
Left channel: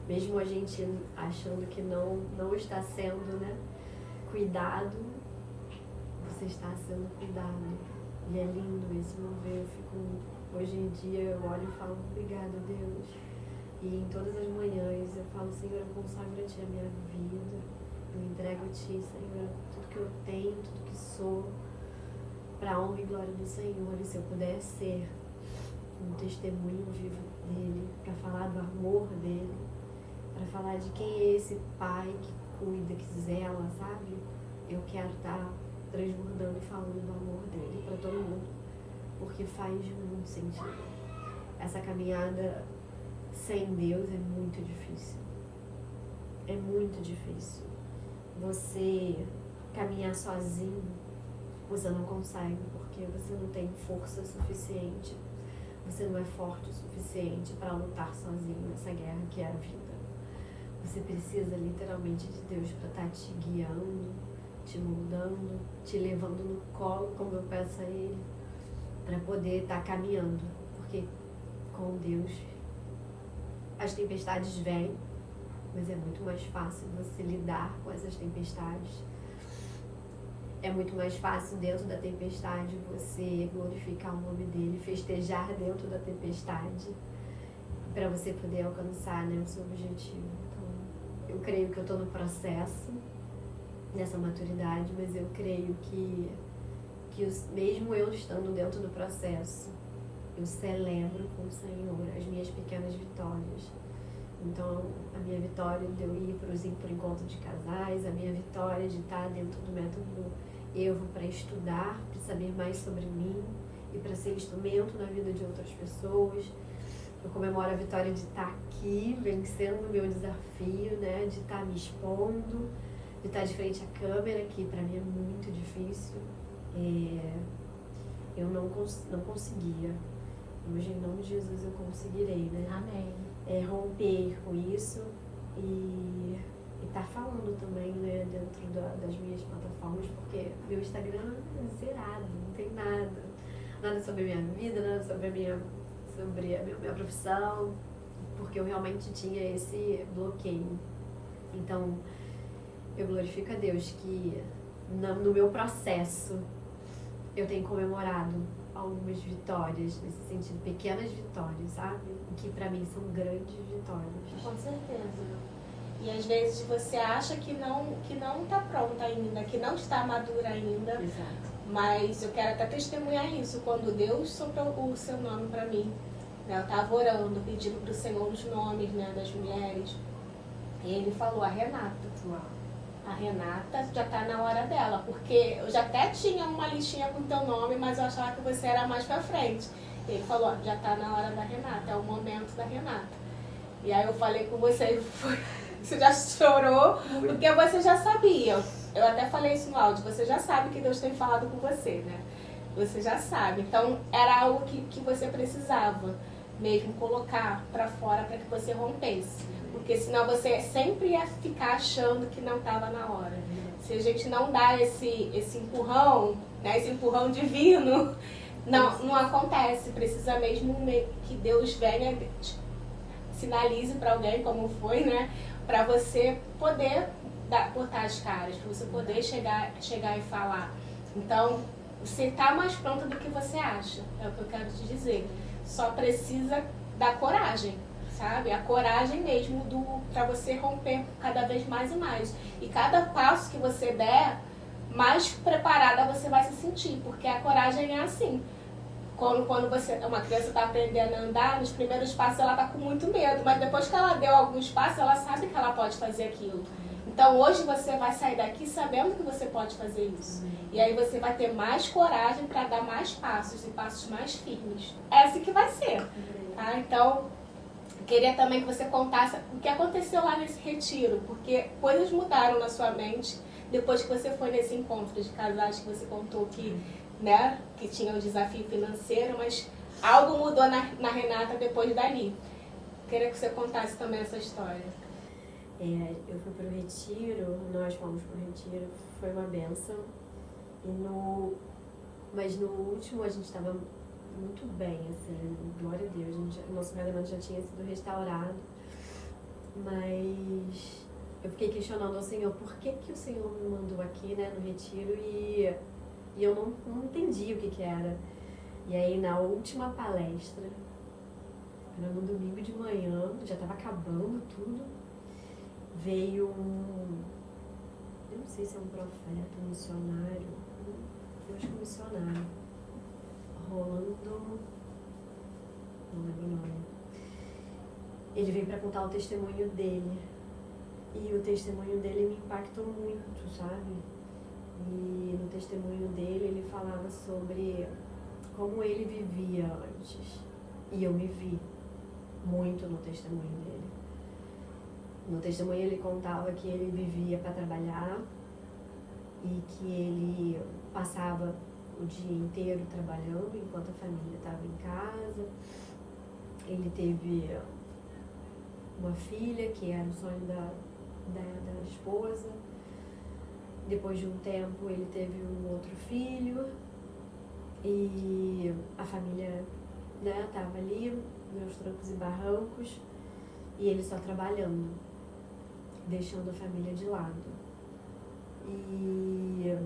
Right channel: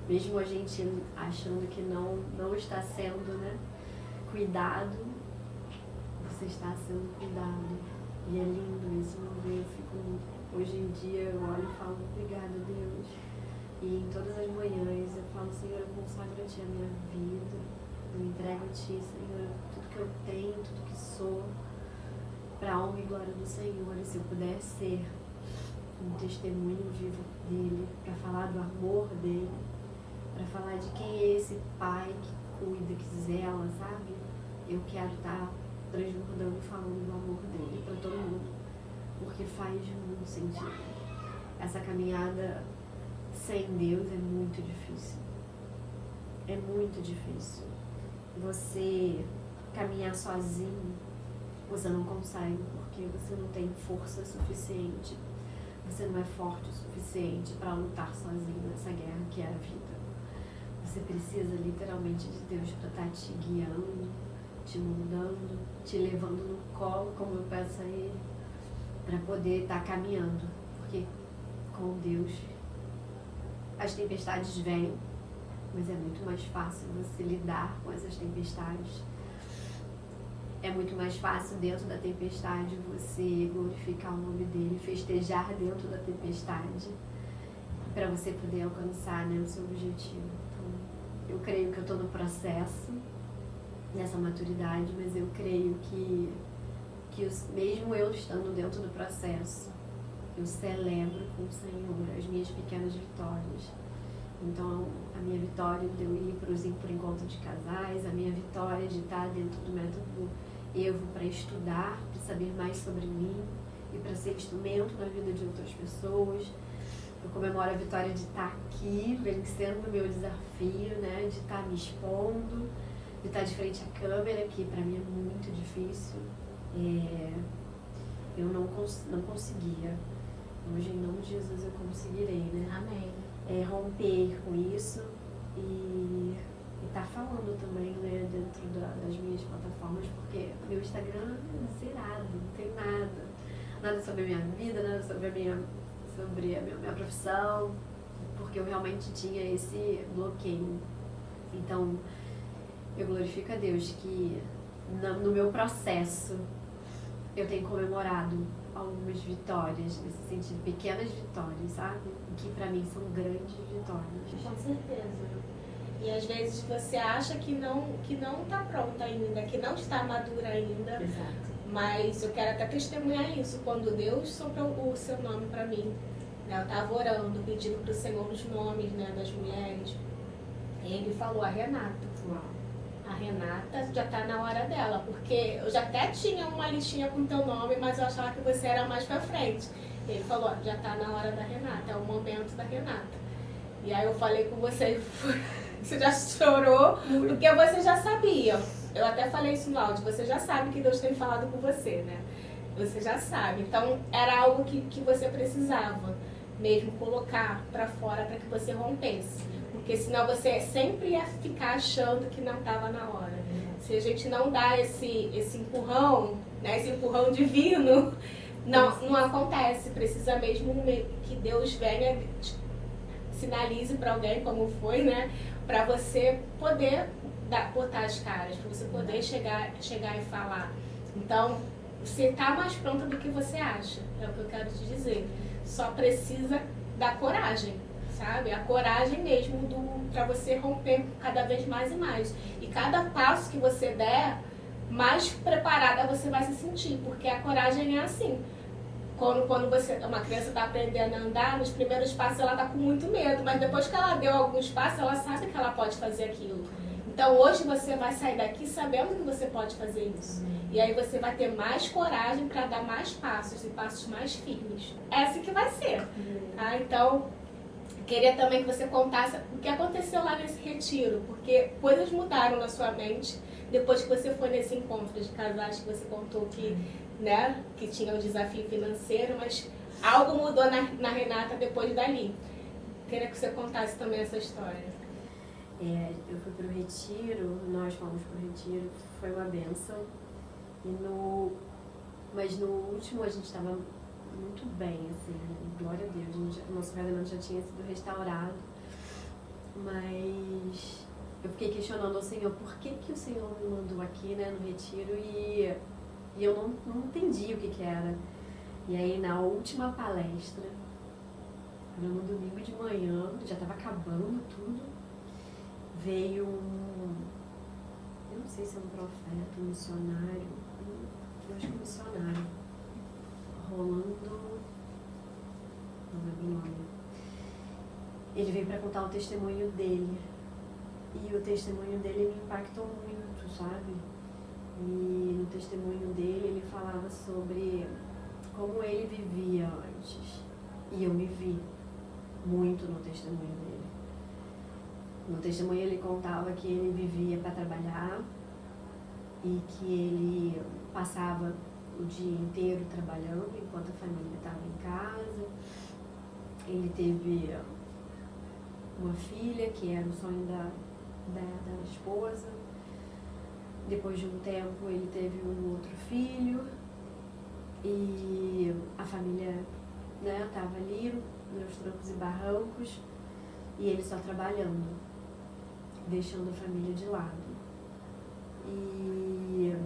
Mesmo a gente achando que não está sendo, né, cuidado, você está sendo cuidado. E é lindo esse mover. Hoje em dia eu olho e falo, obrigada, Deus. E em todas as manhãs eu falo, Senhor, eu consagro a Ti a minha vida, eu entrego a Ti, Senhor, tudo que eu tenho, tudo que sou, para a honra e glória do Senhor. E se eu puder ser um testemunho vivo dEle, para falar do amor dEle, para falar de quem é esse Pai que cuida, que zela, sabe? Eu quero estar transbordando e falando do amor dEle para todo mundo, porque faz muito sentido. Essa caminhada sem Deus é muito difícil. É muito difícil. Você caminhar sozinho, você não consegue, porque você não tem força suficiente. Você não é forte o suficiente para lutar sozinho nessa guerra que é a vida. Você precisa literalmente de Deus para estar te guiando, te moldando, te levando no colo, como eu peço a Ele, para poder estar caminhando. Porque com Deus as tempestades vêm, mas é muito mais fácil você lidar com essas tempestades. É muito mais fácil dentro da tempestade você glorificar o nome dele, festejar dentro da tempestade, para você poder alcançar, né, o seu objetivo. Então, eu creio que eu estou no processo nessa maturidade, mas eu creio que mesmo eu estando dentro do processo, eu celebro com o Senhor as minhas pequenas vitórias. Então, a minha vitória de eu ir para o encontro de casais, a minha vitória de estar dentro do método Evo para estudar, para saber mais sobre mim e para ser instrumento na vida de outras pessoas. Eu comemoro a vitória de estar aqui, vencendo o meu desafio, né? De estar me expondo, de estar de frente à câmera, que para mim é muito difícil. Eu não conseguia. Hoje, em nome de Jesus, eu conseguirei, né? Amém. Romper com isso e tá falando também, né, dentro das minhas plataformas, porque meu Instagram é zerado, não tem nada sobre a minha vida, nada sobre a minha profissão, porque eu realmente tinha esse bloqueio. Então, eu glorifico a Deus que no meu processo eu tenho comemorado algumas vitórias, nesse sentido, pequenas vitórias, sabe? E que pra mim são grandes vitórias. Com certeza. E às vezes você acha que não tá pronta ainda, que não está madura ainda. Exato. Mas eu quero até testemunhar isso. Quando Deus soprou o seu nome para mim, né, eu estava orando, pedindo para o Senhor os nomes, né, das mulheres. E ele falou, a Renata. Uau. A Renata já está na hora dela. Porque eu já até tinha uma listinha com teu nome, mas eu achava que você era mais para frente. E ele falou, ó, já está na hora da Renata, é o momento da Renata. E aí eu falei com você, você já chorou, porque você já sabia. Eu até falei isso no áudio, você já sabe que Deus tem falado com você, né? Você já sabe. Então, era algo que você precisava mesmo colocar pra fora para que você rompesse. Porque senão você sempre ia ficar achando que não estava na hora. Se a gente não dá esse empurrão, né? Esse empurrão divino, não acontece. Precisa mesmo que Deus venha, sinalize para alguém como foi, né? Para você poder botar as caras, para você poder chegar e falar. Então, você está mais pronta do que você acha, é o que eu quero te dizer. Só precisa da coragem, sabe? A coragem mesmo para você romper cada vez mais e mais. E cada passo que você der, mais preparada você vai se sentir, porque a coragem é assim. Quando uma criança está aprendendo a andar, nos primeiros passos ela está com muito medo, mas depois que ela deu alguns passos, ela sabe que ela pode fazer aquilo. Então hoje você vai sair daqui sabendo que você pode fazer isso. E aí você vai ter mais coragem para dar mais passos e passos mais firmes. Essa que vai ser. Tá? Então, queria também que você contasse o que aconteceu lá nesse retiro, porque coisas mudaram na sua mente depois que você foi nesse encontro de casais que você contou que, né, que tinha o desafio financeiro, mas algo mudou na Renata depois dali. Queria que você contasse também essa história. Eu fui pro retiro, nós fomos pro retiro, foi uma bênção. Mas no último a gente estava muito bem, assim, glória a Deus. O nosso casamento já tinha sido restaurado, mas eu fiquei questionando ao Senhor por que o Senhor me mandou aqui, né, no retiro, e eu não entendi o que era. E aí na última palestra, era no domingo de manhã, já estava acabando tudo, veio eu não sei se é um profeta, um missionário, eu acho que um missionário, Rolando, não lembro o nome. Ele veio para contar o testemunho dele, e o testemunho dele me impactou muito, sabe? E no testemunho dele ele falava sobre como ele vivia antes, e eu me vi muito no testemunho dele. No testemunho ele contava que ele vivia para trabalhar e que ele passava o dia inteiro trabalhando enquanto a família estava em casa. Ele teve uma filha que era o sonho da esposa. Depois de um tempo ele teve um outro filho e a família, né, estava ali nos trancos e barrancos e ele só trabalhando, deixando a família de lado. E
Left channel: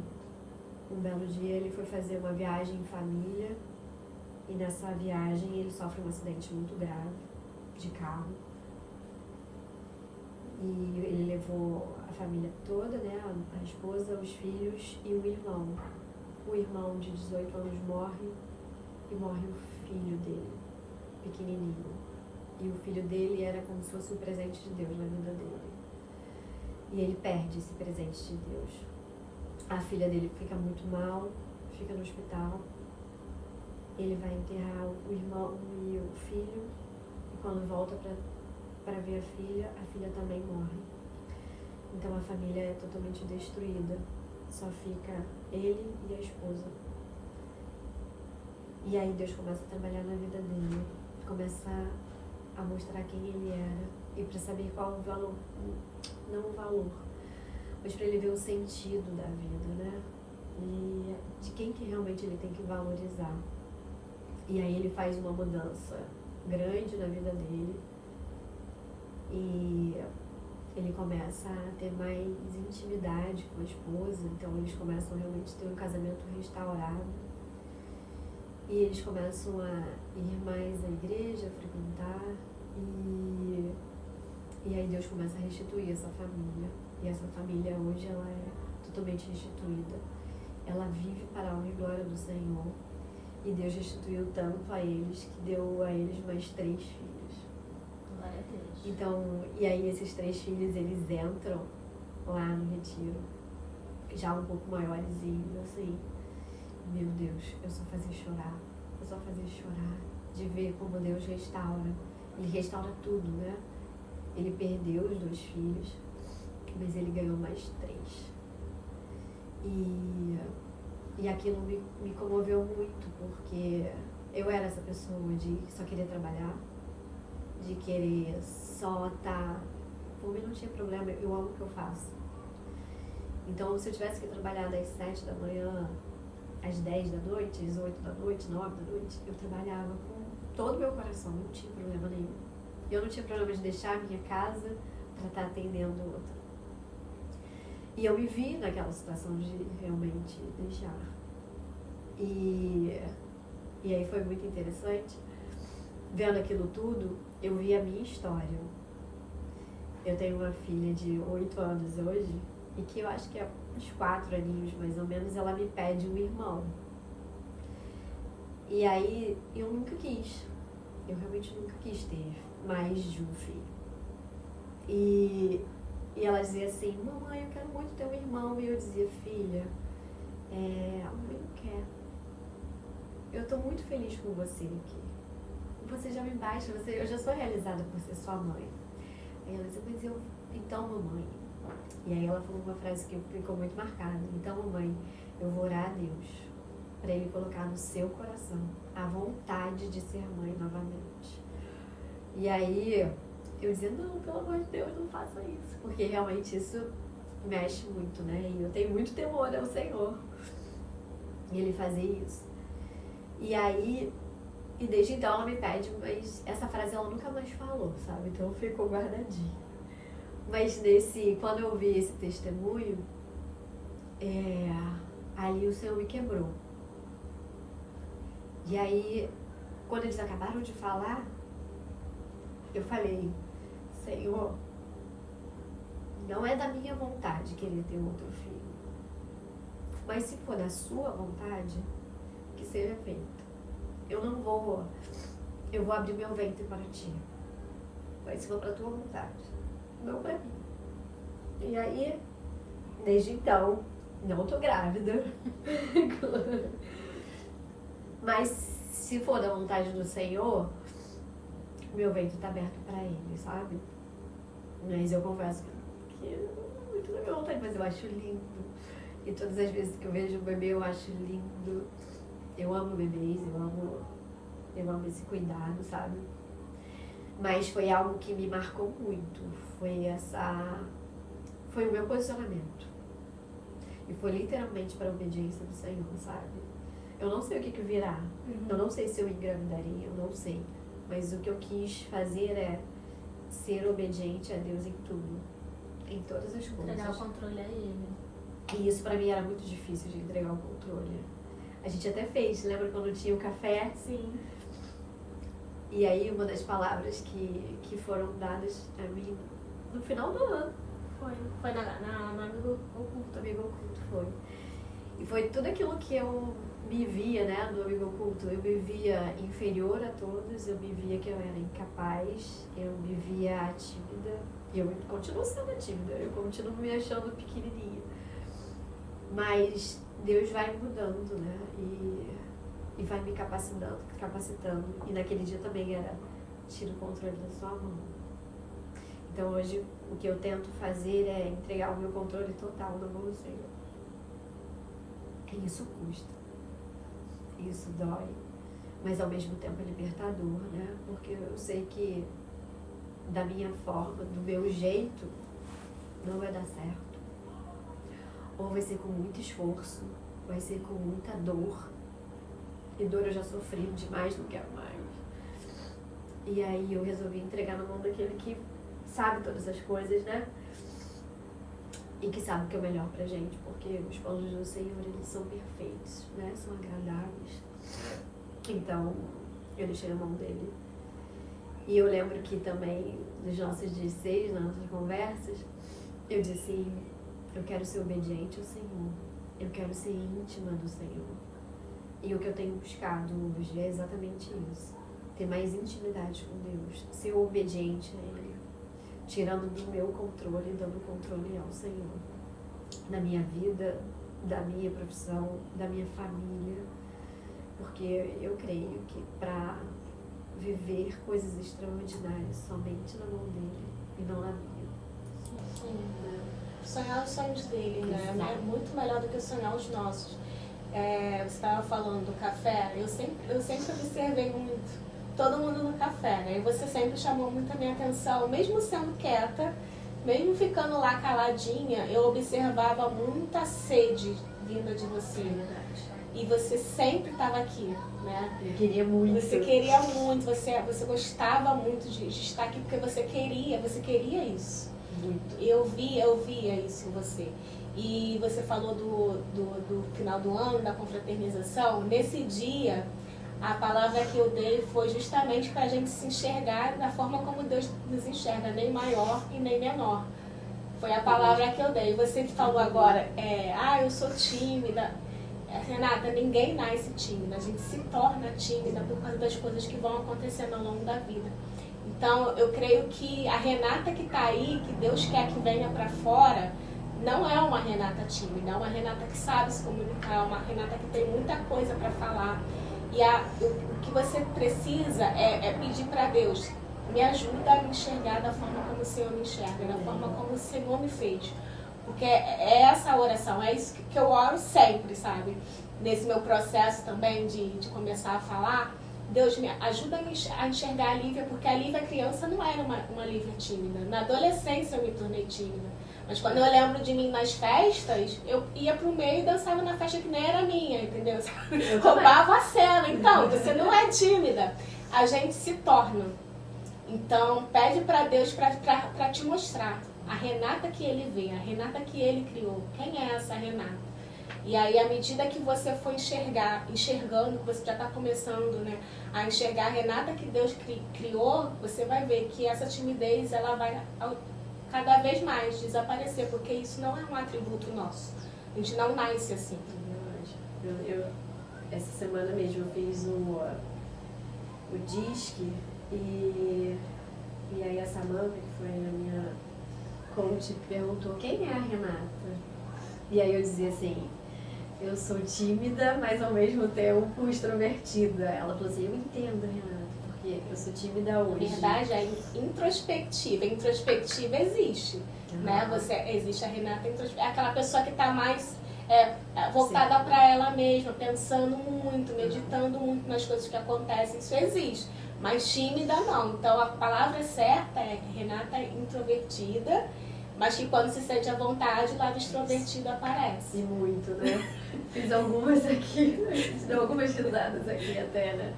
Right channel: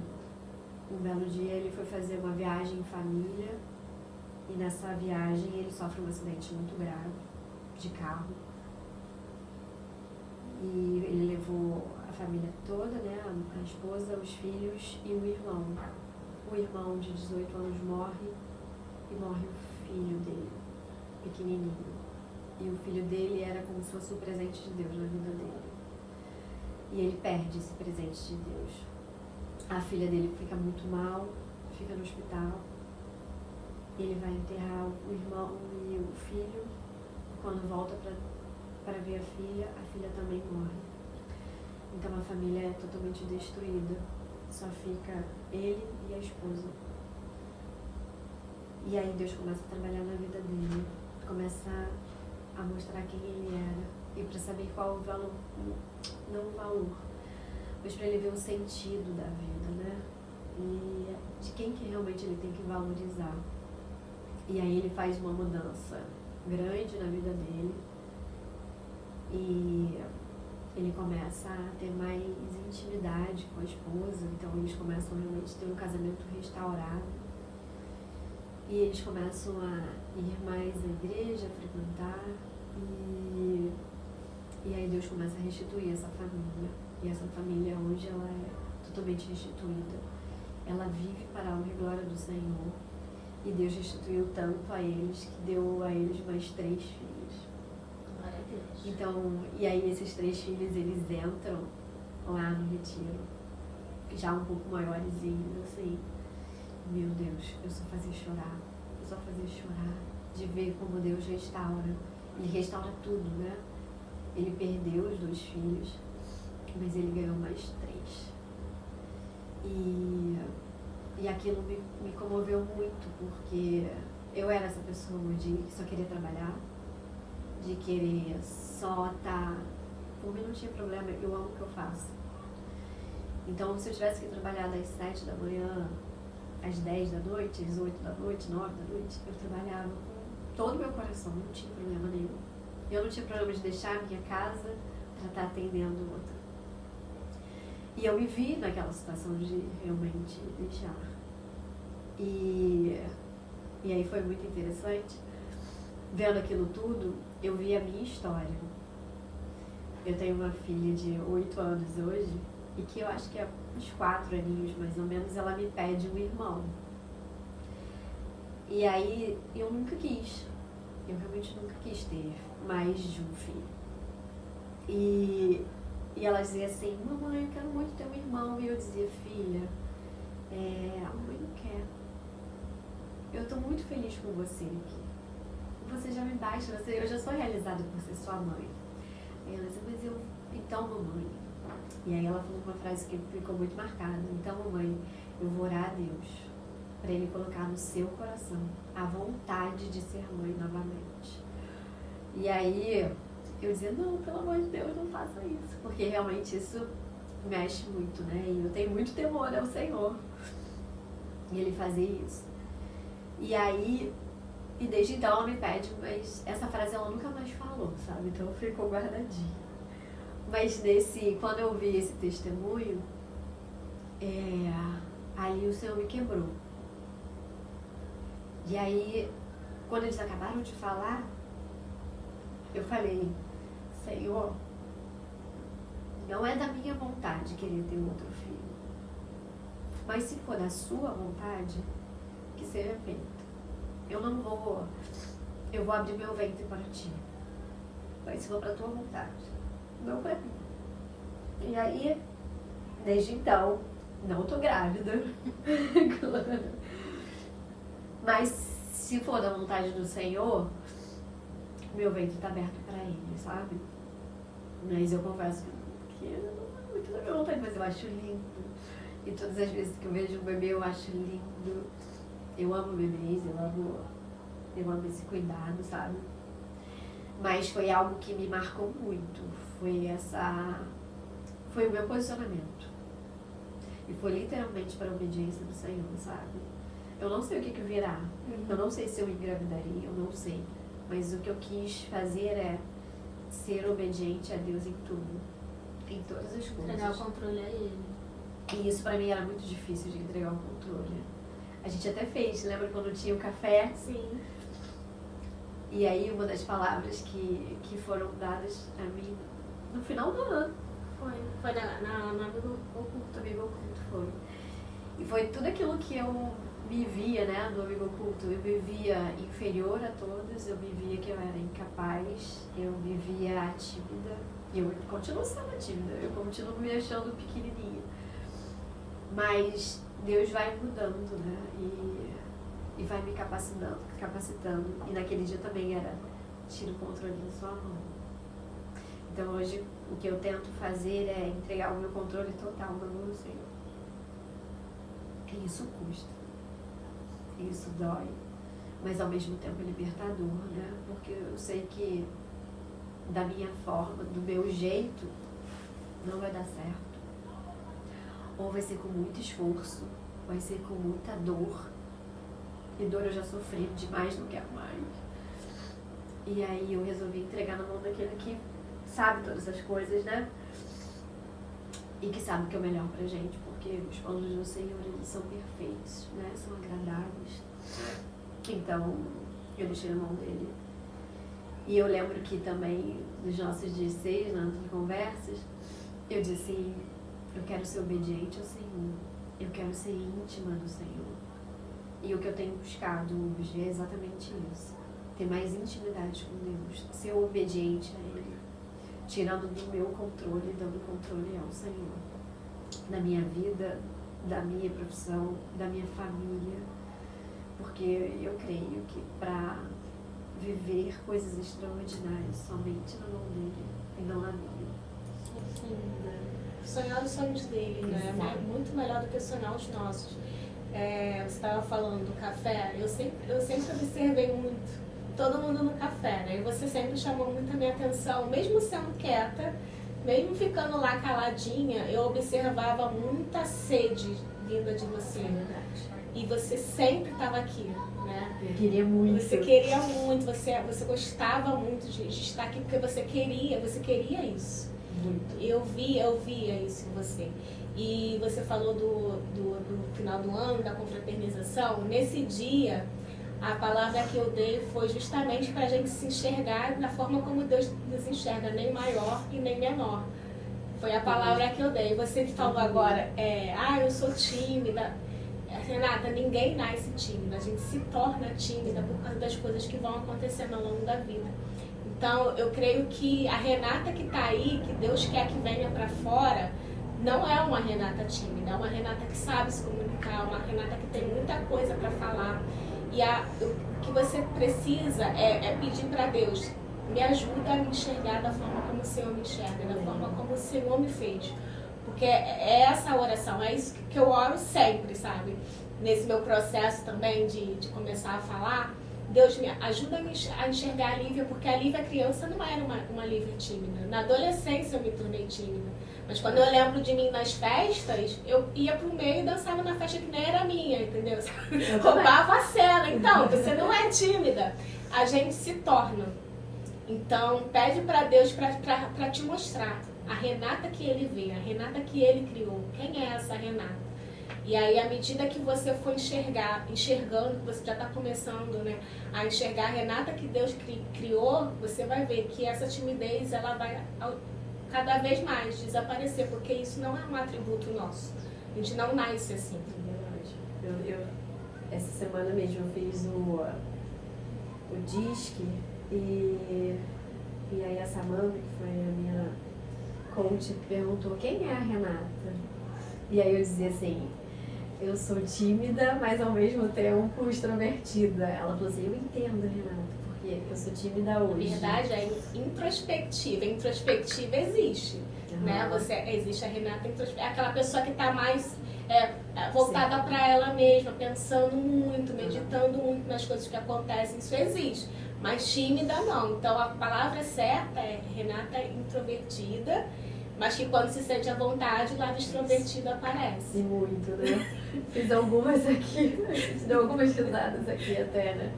um belo dia ele foi fazer uma viagem em família e nessa viagem ele sofre um acidente muito grave de carro. E ele levou a família toda, né, a esposa, os filhos e o irmão. O irmão de 18 anos morre e morre o filho dele, pequenininho. E o filho dele era como se fosse um presente de Deus na vida dele. E ele perde esse presente de Deus. A filha dele fica muito mal, fica no hospital. Ele vai enterrar o irmão e o filho. E quando volta para ver a filha também morre. Então a família é totalmente destruída. Só fica ele e a esposa. E aí Deus começa a trabalhar na vida dele. Começa a mostrar quem ele era. E para saber qual o valor, não o valor, mas para ele ver o sentido da vida, né? E de quem que realmente ele tem que valorizar. E aí ele faz uma mudança grande na vida dele. E ele começa a ter mais intimidade com a esposa. Então eles começam realmente a ter um casamento restaurado. E eles começam a ir mais à igreja, a frequentar. E aí Deus começa a restituir essa família. E essa família hoje ela é totalmente restituída. Ela vive para a honra e glória do Senhor. E Deus restituiu tanto a eles que deu a eles mais 3 filhos. Glória a Deus. Então, e aí esses 3 filhos, eles entram lá no retiro, já um pouco maiorzinhos, assim. Meu Deus, eu só fazia chorar. Eu só fazia chorar de ver como Deus restaura. Ele restaura tudo, né? Ele perdeu os 2 filhos, mas ele ganhou mais 3. E aquilo me comoveu muito, porque eu era essa pessoa de só querer trabalhar, de querer só estar... Por mim não tinha problema, eu amo o que eu faço. Então, se eu tivesse que trabalhar das 7 da manhã às 10 da noite, às 8 da noite, 9 da noite, eu trabalhava com todo o meu coração, não tinha problema nenhum. Eu não tinha problema de deixar a minha casa para estar atendendo o outro. E eu me vi naquela situação de realmente deixar. E aí foi muito interessante. Vendo aquilo tudo, eu vi a minha história. Eu tenho uma filha de 8 anos hoje, e que eu acho que há uns 4 aninhos mais ou menos, ela me pede um irmão. E aí eu nunca quis. Eu realmente nunca quis ter mais de um filho. E ela dizia assim, mamãe, eu quero muito ter um irmão. E eu dizia, filha, a mãe não quer. Eu tô muito feliz com você aqui. Você já me basta, eu já sou realizada por ser sua mãe. Aí ela dizia, mas eu, então mamãe. E aí ela falou uma frase que ficou muito marcada. Então mamãe, eu vou orar a Deus para Ele colocar no seu coração a vontade de ser mãe novamente. E aí eu dizia, não, pelo amor de Deus, não faça isso. Porque realmente isso mexe muito, né? E eu tenho muito temor ao Senhor. E Ele fazer isso. E aí, e desde então ela me pede, mas essa frase ela nunca mais falou, sabe? Então ficou guardadinha. Mas quando eu vi esse testemunho, ali o Senhor me quebrou. E aí, quando eles acabaram de falar, eu falei, Senhor, não é da minha vontade querer ter outro filho. Mas se for da sua vontade, que seja feito. Eu vou abrir meu ventre para ti. Mas se for para tua vontade, não para mim. E aí, desde então, não tô grávida. Mas se for da vontade do Senhor, meu ventre está aberto para Ele, sabe? Mas eu confesso que não é muito da minha vontade, mas eu acho lindo. E todas as vezes que eu vejo um bebê, eu acho lindo. Eu amo bebês, eu amo esse cuidado, sabe? Mas foi algo que me marcou muito. Foi o meu posicionamento. E foi literalmente para a obediência do Senhor, sabe? Eu não sei o que virá. Eu não sei se eu engravidaria, eu não sei. Mas o que eu quis fazer é ser obediente a Deus em tudo. Em todas as coisas. Entregar o controle a Ele. E isso pra mim era muito difícil de entregar o controle. A gente até fez, lembra quando tinha o café? Sim. E aí uma das palavras que foram dadas a mim no final do ano. Foi no amigo oculto. Amigo oculto foi. E foi tudo aquilo que eu me via, né, do amigo oculto. Eu me via inferior a todos, eu me via que eu era incapaz, eu me via tímida. E eu continuo sendo tímida, eu continuo me achando pequenininha. Mas Deus vai mudando, né, e vai me capacitando. E naquele dia também era, tira o controle da sua mão. Então hoje o que eu tento fazer é entregar o meu controle total na mão do Senhor. E isso custa. Isso dói. Mas ao mesmo tempo é libertador, né? Porque eu sei que da minha forma, do meu jeito, não vai dar certo. Ou vai ser com muito esforço, vai ser com muita dor. E dor eu já sofri demais, não quero mais. E aí eu resolvi entregar na mão daquele que sabe todas as coisas, né? E que sabe o que é o melhor pra gente, porque os planos do Senhor, eles são perfeitos, né? São agradáveis. Então, eu deixei na mão dele. E eu lembro que também, nos nossos 16, nas nossas conversas, eu disse, eu quero ser obediente ao Senhor. Eu quero ser íntima do Senhor. E o que eu tenho buscado hoje é exatamente isso. Ter mais intimidade com Deus. Ser obediente a Ele. Tirando do meu controle, dando controle ao Senhor. Da minha vida, da minha profissão, da minha família. Porque eu creio que para viver coisas extraordinárias somente na mão dele e não na minha. Sonhar os sonhos dele, né? É muito melhor do que sonhar os nossos. Você estava falando do café, eu sempre observei muito todo mundo no café, né? E você sempre chamou muito a minha atenção, mesmo sendo quieta, mesmo ficando lá caladinha, eu observava muita sede vinda de você. E você sempre estava aqui, né? Eu queria muito. Você queria muito, você gostava muito de estar aqui porque você queria isso. Muito. Eu via isso em você. E você falou do final do ano, da confraternização. Nesse dia, a palavra que eu dei foi justamente para a gente se enxergar da forma como Deus nos enxerga, nem maior e nem menor. Foi a palavra que eu dei. Você que falou agora, eu sou tímida. Renata, ninguém nasce tímida. A gente se torna tímida por causa das coisas que vão acontecendo ao longo da vida. Então, eu creio que a Renata que está aí, que Deus quer que venha para fora, não é uma Renata tímida, é uma Renata que sabe se comunicar, uma Renata que tem muita coisa para falar. E o que você precisa é pedir para Deus, me ajuda a me enxergar da forma como o Senhor me enxerga, da forma como o Senhor me fez. Porque é essa oração, é isso que eu oro sempre, sabe? Nesse meu processo também de começar a falar, Deus me ajuda a enxergar a Lívia, porque a Lívia criança não era uma Lívia tímida. Na adolescência eu me tornei tímida. Mas quando eu lembro de mim nas festas, eu ia pro meio e dançava na festa que nem era minha, entendeu? Roubava a cena. Então, você não é tímida. A gente se torna. Então, pede para Deus para te mostrar a Renata que Ele vê, a Renata que Ele criou. Quem é essa Renata? E aí, à medida que você for enxergando, que você já está começando, né, a enxergar a Renata que Deus criou, você vai ver que essa timidez ela vai cada vez mais desaparecer, porque isso não é um atributo nosso. A gente não nasce assim. Essa semana mesmo eu fiz o disque e aí a Samanta, que foi a minha coach, perguntou quem é a Renata? E aí eu dizia assim, eu sou tímida, mas ao mesmo tempo extrovertida. Ela falou assim, eu entendo, Renata, porque eu sou tímida hoje. Na verdade, é introspectiva. Introspectiva existe, né? Existe a Renata introspectiva, aquela pessoa que está mais voltada para ela mesma, pensando muito, meditando muito nas coisas que acontecem. Isso existe. Mas tímida não. Então, a palavra certa é Renata introvertida, mas que quando se sente à vontade, o lado extrovertido aparece. E muito, né? Fiz algumas aqui, deu algumas risadas aqui até, né?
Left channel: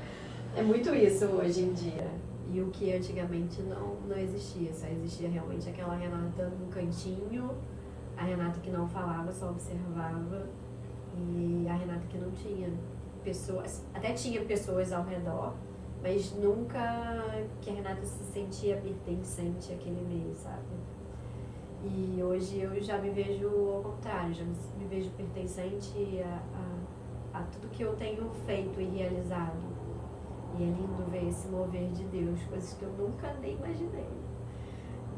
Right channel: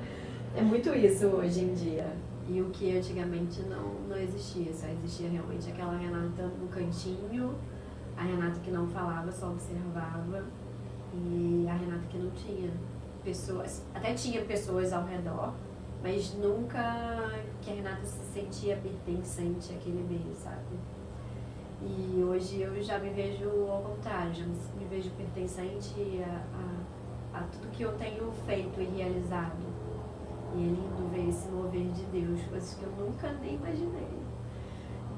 É muito isso hoje em dia. E o que antigamente não existia. Só existia realmente aquela Renata no cantinho, a Renata que não falava, só observava, e a Renata que não tinha pessoas, até tinha pessoas ao redor, mas nunca que a Renata se sentia pertencente àquele meio, sabe? E hoje eu já me vejo ao contrário, já me vejo pertencente a tudo que eu tenho feito e realizado. E é lindo ver esse mover de Deus, coisas que eu nunca nem imaginei.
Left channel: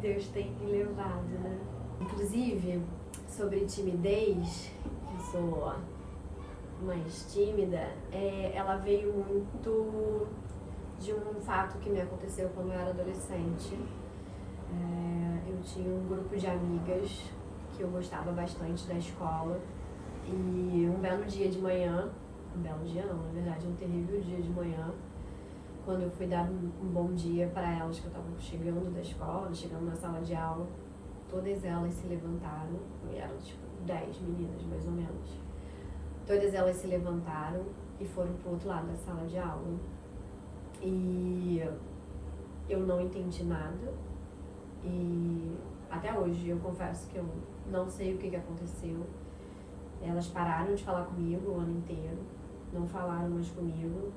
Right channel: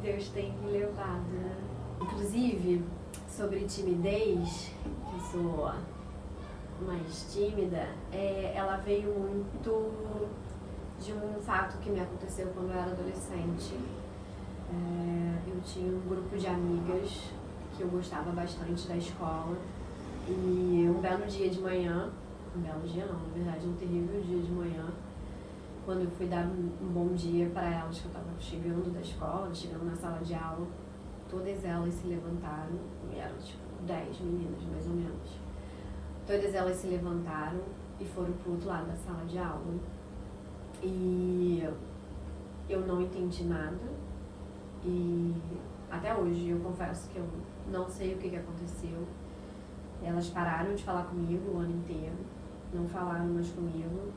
Deus tem me levado, né? Inclusive, sobre timidez, que eu sou mais tímida, ela veio muito de um fato que me aconteceu quando eu era adolescente. Eu tinha um grupo de amigas que eu gostava bastante da escola e um belo dia de manhã, um belo dia não, na verdade um terrível dia de manhã, quando eu fui dar um bom dia para elas, que eu estava chegando da escola, chegando na sala de aula, todas elas se levantaram, e eram tipo 10 meninas mais ou menos, todas elas se levantaram e foram pro outro lado da sala de aula e eu não entendi nada. E até hoje eu confesso que eu não sei o que aconteceu. Elas pararam de falar comigo o ano inteiro, não falaram mais comigo.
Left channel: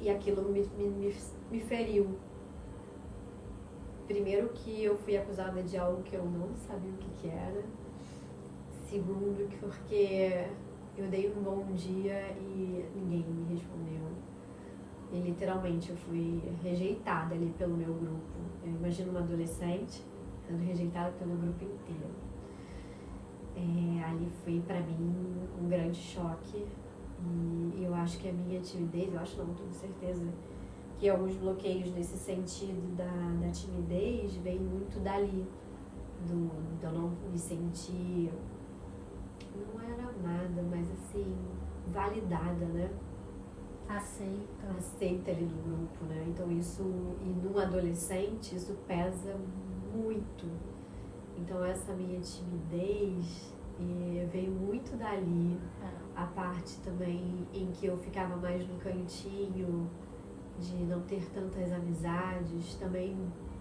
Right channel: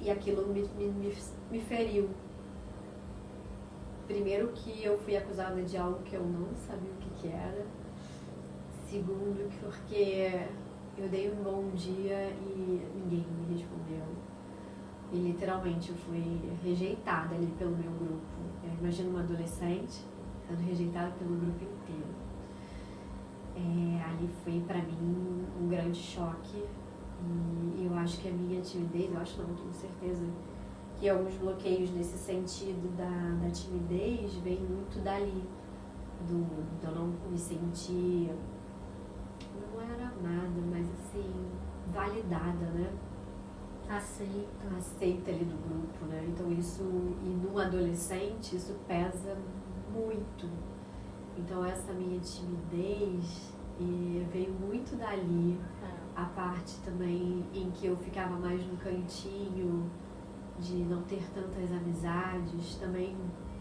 E aquilo me feriu. Primeiro que eu fui acusada de algo que eu não sabia o que era. Segundo, porque eu dei um bom dia e ninguém me respondeu. E literalmente eu fui rejeitada ali pelo meu grupo. Eu imagino uma adolescente sendo rejeitada pelo grupo inteiro. Ali foi pra mim um grande choque. E eu acho que a minha timidez, eu acho não, tenho certeza, que alguns bloqueios nesse sentido da timidez vem muito dali. De eu não me sentir, não era nada, mas assim, validada, né? Aceita ali do grupo, né? Então isso, e num adolescente, isso pesa muito. Então essa minha timidez veio muito dali. A parte também em que eu ficava mais no cantinho, de não ter tantas amizades, também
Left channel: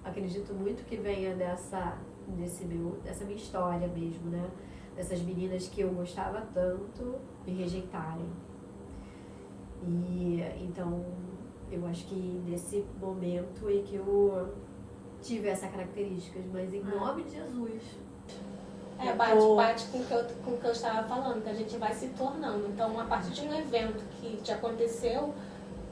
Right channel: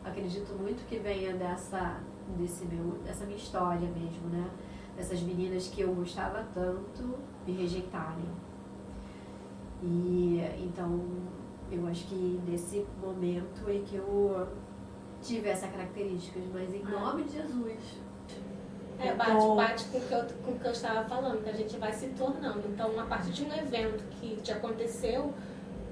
acredito muito que venha dessa minha história mesmo, né? Dessas meninas que eu gostava tanto me rejeitarem. E então eu acho que nesse momento é que eu tive essas características, mas em nome de Jesus. Bate com o que eu estava falando, que a gente vai se tornando. Então, a partir de um evento que te aconteceu,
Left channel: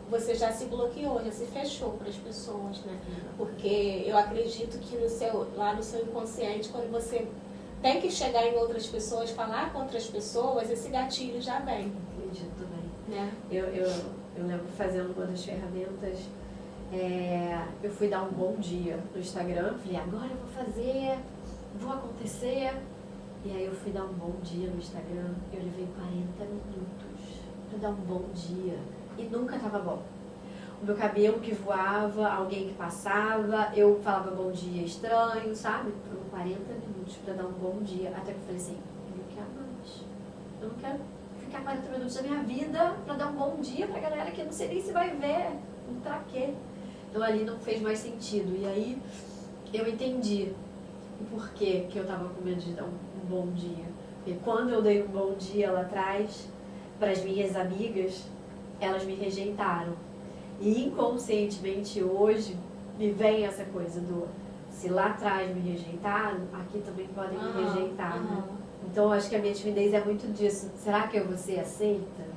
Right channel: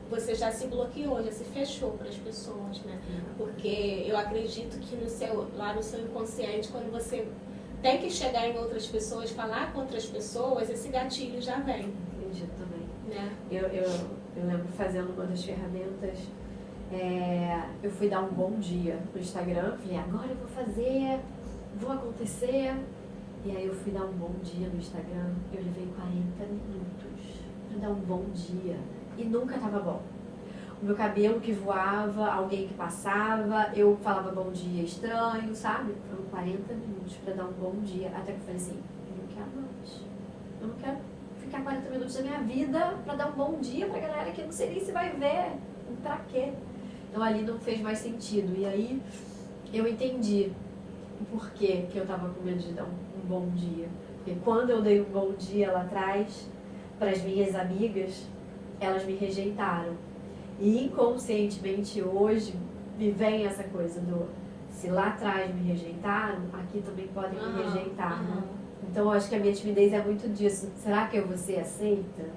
você já se bloqueou, já se fechou para as pessoas, né? Porque eu acredito que lá no seu inconsciente, quando você tem que chegar em outras pessoas, falar com outras pessoas, esse gatilho já vem. Acredito também. Né? Eu lembro fazendo uma das ferramentas, eu fui dar um bom dia no Instagram, falei, agora eu vou acontecer. E aí eu fui dar um bom dia no Instagram, eu levei 40 minutos para dar um bom dia e nunca tava bom. O meu cabelo que voava, alguém que passava, eu falava bom dia estranho, sabe? Foram 40 minutos para dar um bom dia, até que eu falei assim, eu não quero mais, eu não quero ficar 40 minutos da minha vida para dar um bom dia pra galera que eu não sei nem se vai ver, pra quê? Então ali não fez mais sentido, e aí eu entendi por que eu tava com medo de dar um bom dia. Porque quando eu dei um bom dia lá atrás, para as minhas amigas, elas me rejeitaram. E inconscientemente hoje me vem essa coisa do se lá atrás me rejeitaram, aqui também podem me rejeitar. Né? Então eu acho que a minha timidez é muito disso. Será que eu vou ser aceita?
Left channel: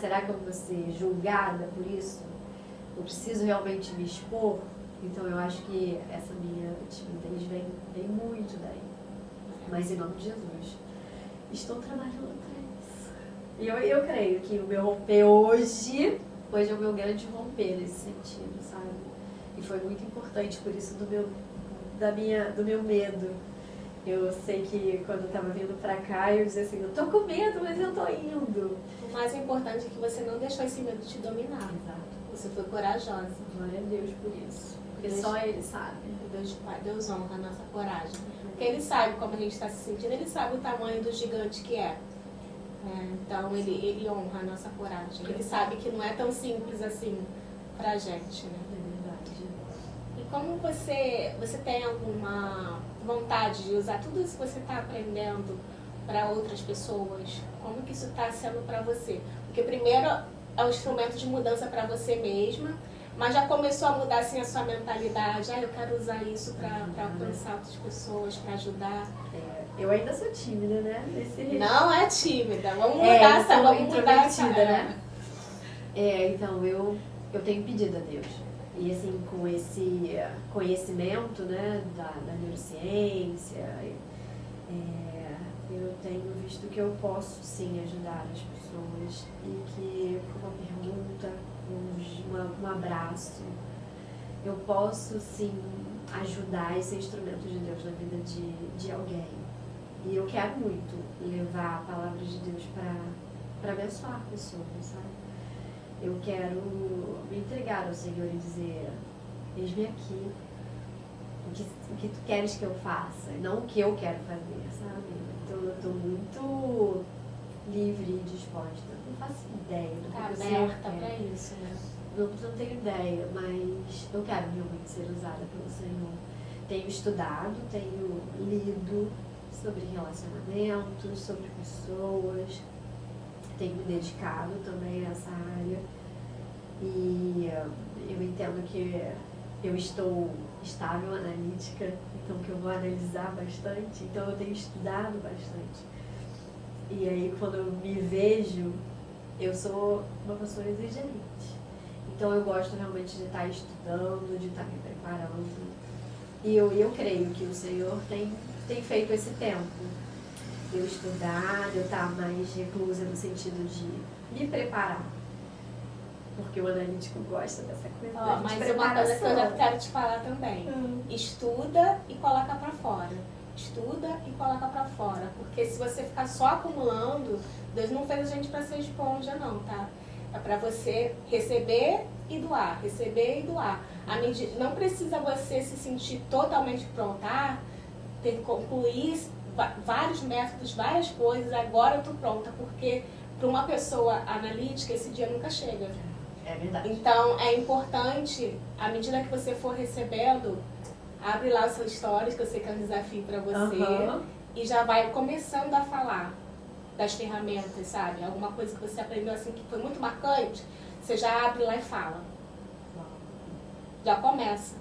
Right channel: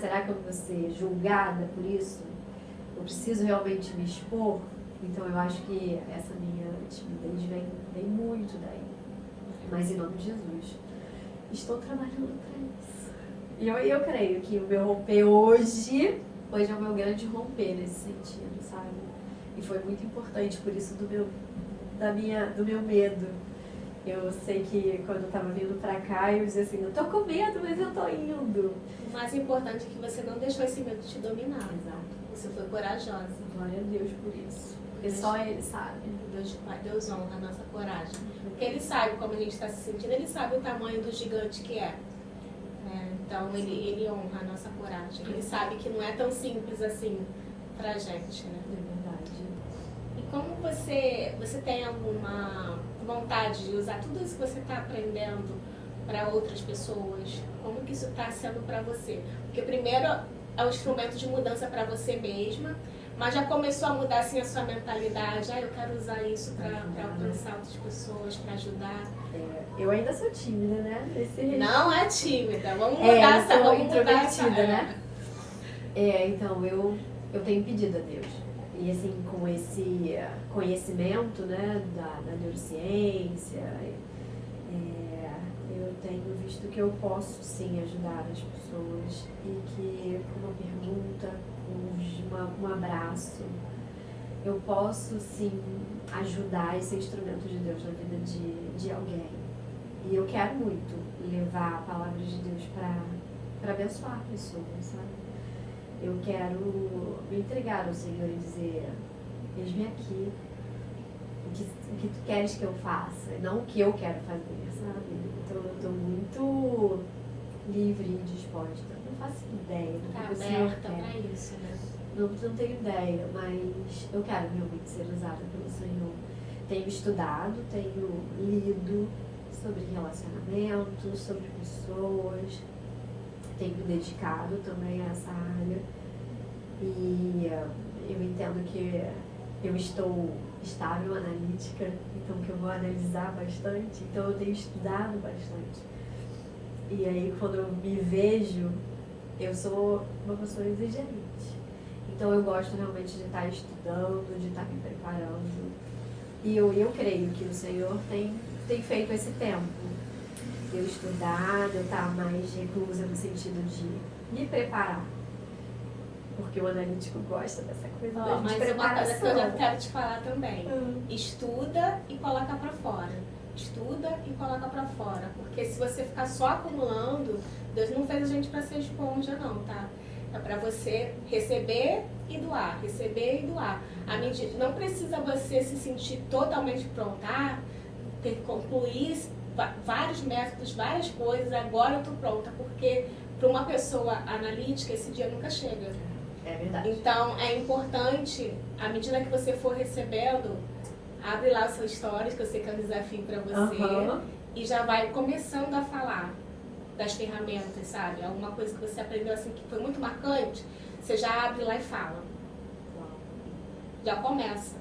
Será que eu vou ser julgada por isso? Eu preciso realmente me expor? Então eu acho que essa minha timidez vem muito daí. Mas em nome de Jesus, estou trabalhando para isso. E eu creio que o meu romper hoje é o meu grande romper nesse sentido, sabe? E foi muito importante por isso do meu medo. Eu sei que quando eu estava vindo pra cá, eu dizia assim, eu tô com medo, mas eu tô indo. O mais importante é que você não deixou esse medo te dominar. Exato. Você foi corajosa. Glória a Deus por isso. Porque só Ele sabe. Deus honra a nossa coragem. Porque Ele sabe como a gente está se sentindo, Ele sabe o tamanho do gigante que é. Então Ele honra a nossa coragem. Ele sabe que não é tão simples assim pra gente, né? É verdade. E como você tem alguma vontade de usar tudo isso que você está aprendendo para outras pessoas? Como que isso está sendo para você? Porque primeiro é um instrumento de mudança para você mesma, mas já começou a mudar assim a sua mentalidade. Eu quero usar isso para alcançar outras pessoas, para ajudar. Eu ainda sou tímida, né? Não é tímida. Vamos mudar essa, vamos mudar essa, né? Então eu tenho pedido a Deus. E assim, com esse conhecimento, né, da neurociência, eu tenho visto que eu posso sim ajudar as pessoas e que com uma pergunta, um abraço, eu posso sim ajudar esse instrumento de Deus na vida de alguém. E eu quero muito levar a palavra de Deus para abençoar pessoas, sabe? Eu quero me entregar ao Senhor e dizer, eis-me aqui, o que tu queres que eu faça, não o que eu quero fazer, sabe? Então eu estou muito livre e disposta. Não faço ideia do que você aberta para isso, né? Não tenho ideia, mas eu quero realmente ser usada pelo Senhor. Tenho estudado, tenho lido sobre relacionamentos, sobre pessoas, tenho me dedicado também a essa área E eu entendo que eu estou estável analítica, então que eu vou analisar bastante, então eu tenho estudado bastante. E aí quando eu me vejo, eu sou uma pessoa exigente. Então eu gosto realmente de estar estudando, de estar me preparando. E eu creio que o Senhor tem feito esse tempo. De eu estudar, de eu estar mais reclusa no sentido de me preparar. Porque o analítico gosta dessa coisa da Mas uma coisa que eu já quero te falar também. Estuda e coloca pra fora. Estuda e coloca pra fora. Porque se você ficar só acumulando, Deus não fez a gente pra ser esponja não, tá? É pra você receber e doar, receber e doar. Não precisa você se sentir totalmente pronta, ter que concluir vários métodos, várias coisas, agora eu tô pronta, porque para uma pessoa analítica esse dia nunca chega. É verdade. Então é importante, à medida que você for recebendo, abre lá o seu stories, que eu sei que é um desafio para você, e já vai começando a falar das ferramentas, sabe? Alguma coisa que você aprendeu assim que foi muito marcante, você já abre lá e fala. Já começa.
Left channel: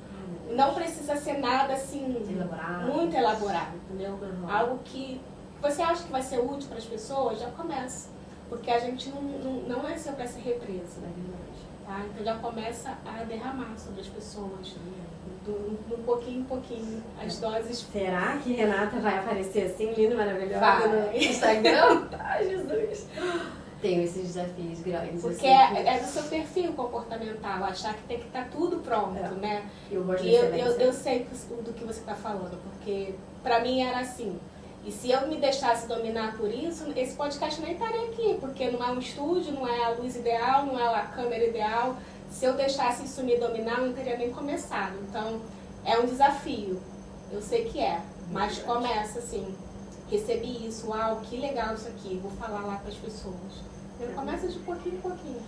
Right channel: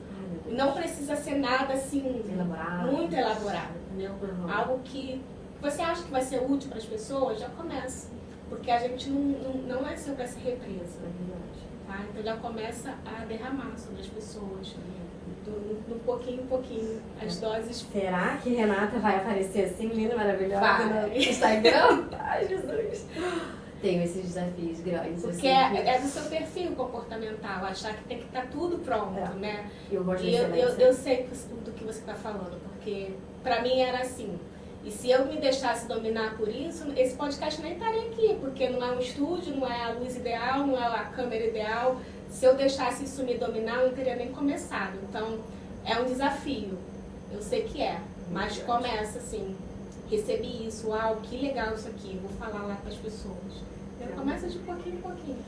Não precisa ser nada assim muito elaborado, entendeu? Algo que você acha que vai ser útil para as pessoas, já começa. Porque a gente não nasceu para ser represa. Tá? Então já começa a derramar sobre as pessoas. Do pouquinho em pouquinho. As doses. Será que Renata vai aparecer assim, linda, maravilhosa Vai. no Instagram? Ai, Jesus! Tenho esses desafios grandes. Porque assim, é do seu perfil comportamental, achar que tem que estar tudo pronto, né? Eu sei do que você está falando, porque pra mim era assim. E se eu me deixasse dominar por isso, esse podcast nem estaria aqui, porque não é um estúdio, não é a luz ideal, não é a câmera ideal. Se eu deixasse isso me dominar, eu não teria nem começado. Então, é um desafio. Eu sei que é, mas começa assim. Recebi isso, uau, que legal isso aqui, vou falar lá para as pessoas. Então, começa de pouquinho em pouquinho.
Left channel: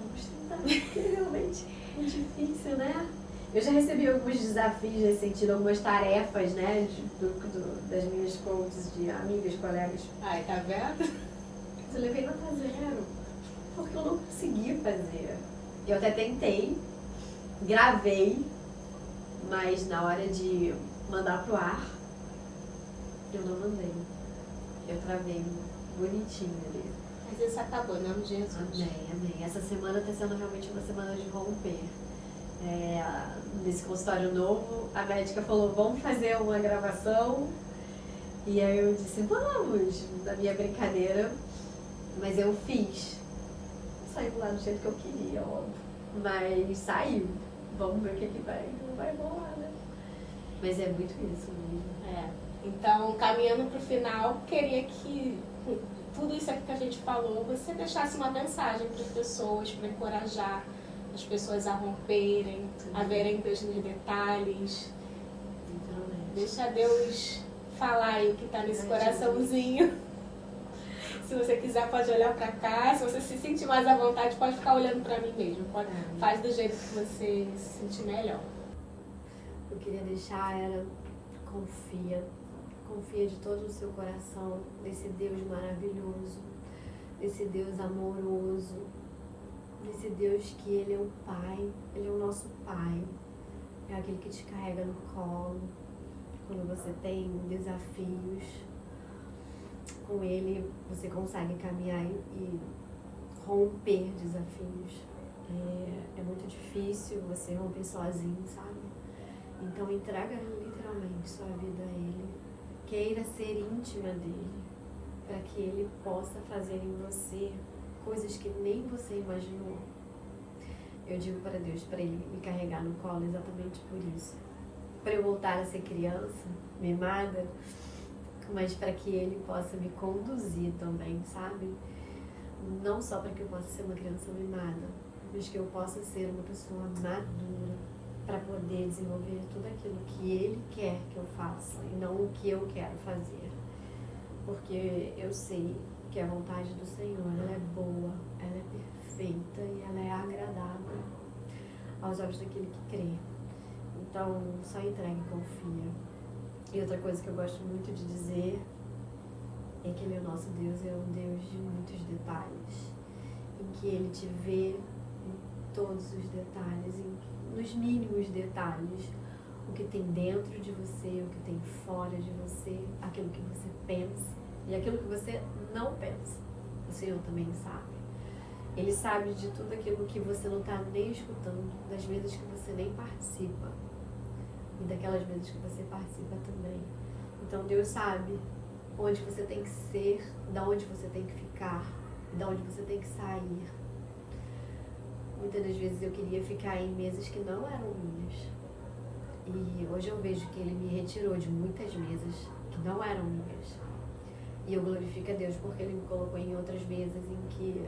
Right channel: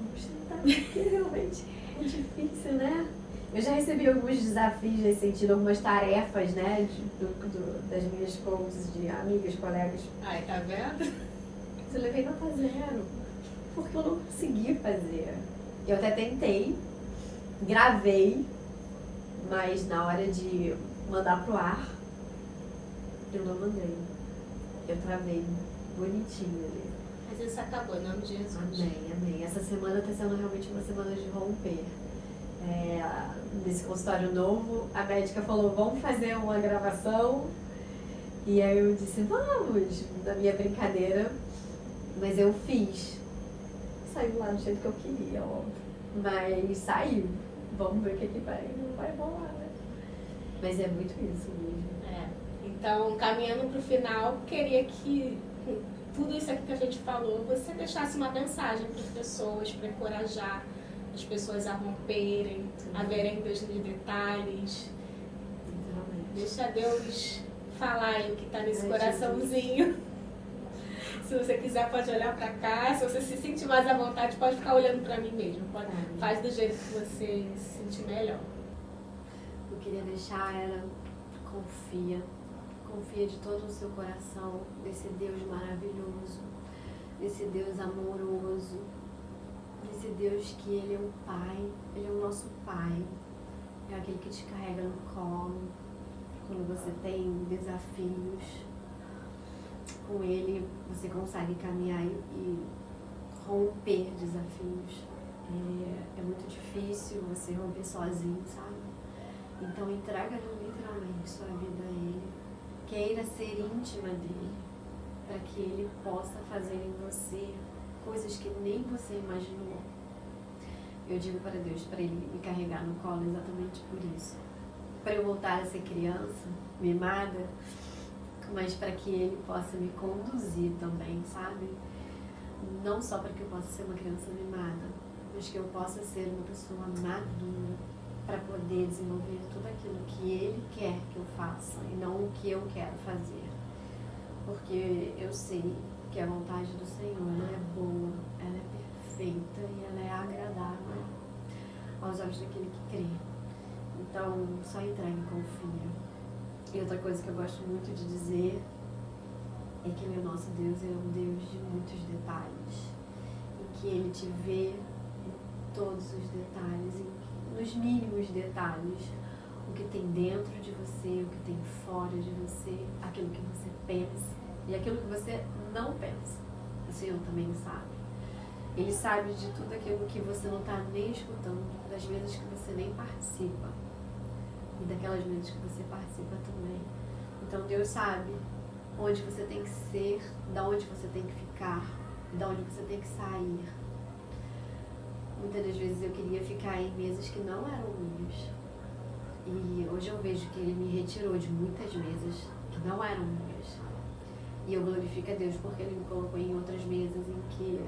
Vamos tentar, porque realmente é difícil, né? Eu já recebi alguns desafios nesse sentido, algumas tarefas, né, das minhas coaches, de amigas, colegas. Ai, tá vendo? Eu levei nota 0, porque eu não consegui fazer. Eu até tentei, gravei, mas na hora de mandar pro ar, eu não mandei. Eu travei bonitinho ali. Mas isso acabou, não, Jesus? Amém. Essa semana está sendo realmente uma semana de romper. Nesse consultório novo, a médica falou, vamos fazer uma gravação. E aí eu disse, vamos, na minha brincadeira. Mas eu fiz. Saiu lá do jeito que eu queria, óbvio. Mas saiu. Vamos ver o que vai rolar, né? Mas é muito isso mesmo. Então, caminhando para o final, queria que tudo isso aqui que a gente falou, você deixasse uma mensagem para as pessoas, para encorajar as pessoas a romperem, a verem Deus nos detalhes. Deixa Deus falar aí o que está nesse coraçãozinho. Se você quiser, pode olhar para cá. Se você se sentir mais à vontade, pode ficar olhando para mim mesmo. Faz do jeito que você se sentir melhor. O que eu queria deixar era confia de todo o seu coração nesse Deus maravilhoso, nesse Deus amoroso, nesse Deus que Ele é o Pai, Ele é o nosso Pai, é aquele que te carrega no colo quando você tem desafios. Com Ele você consegue caminhar e romper desafios. É muito difícil você romper sozinho, sabe? Então entrega literalmente sua vida a Ele. Queira ser íntima dele, para que Ele possa fazer em você coisas que nem você imaginou. Eu digo para Deus, para Ele me carregar no colo exatamente por isso. Para eu voltar a ser criança, mimada, mas para que Ele possa me conduzir também, sabe? Não só para que eu possa ser uma criança mimada, mas que eu possa ser uma pessoa madura, para poder desenvolver tudo aquilo que Ele quer que eu faça e não o que eu quero fazer. Porque eu sei que a vontade do Senhor, ela é boa, ela é perfeita e ela é agradável aos olhos daquele que crê. Então, só entregue e confia. E outra coisa que eu gosto muito de dizer é que o nosso Deus é um Deus de muitos detalhes, em que Ele te vê em todos os detalhes, nos mínimos detalhes, o que tem dentro de você, o que tem fora de você, aquilo que você pensa e aquilo que você não pensa. O Senhor também sabe. Ele sabe de tudo aquilo que você não está nem escutando, das mesas que você nem participa e daquelas mesas que você participa também. Então Deus sabe onde você tem que ser, da onde você tem que ficar e da onde você tem que sair. Muitas das vezes eu queria ficar em mesas que não eram minhas. E hoje eu vejo que Ele me retirou de muitas mesas que não eram minhas. E eu glorifico a Deus porque Ele me colocou em outras mesas em que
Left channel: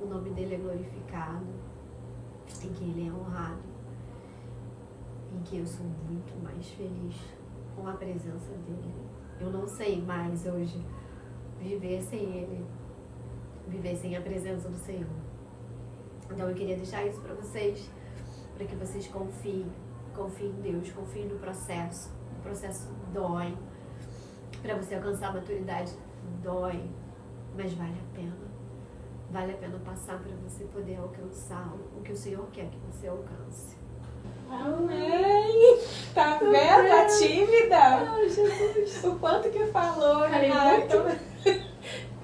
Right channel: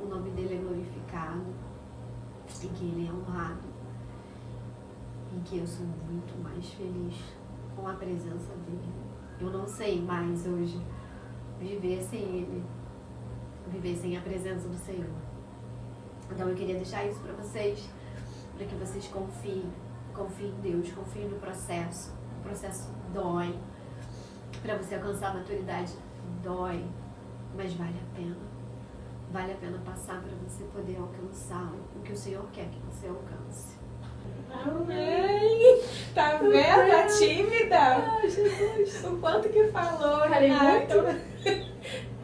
o nome dEle é glorificado, em que Ele é honrado, em que eu sou muito mais feliz com a presença dEle. Eu não sei mais hoje viver sem Ele, viver sem a presença do Senhor. Então eu queria deixar isso para vocês, para que vocês confiem em Deus, confiem no processo. O processo dói. Para você alcançar a maturidade, dói, mas vale a pena. Vale a pena passar para você poder alcançar o que o Senhor quer que você alcance. Amém! Tá vendo a tímida? Ai, Jesus! O quanto que falou, Falei Renato.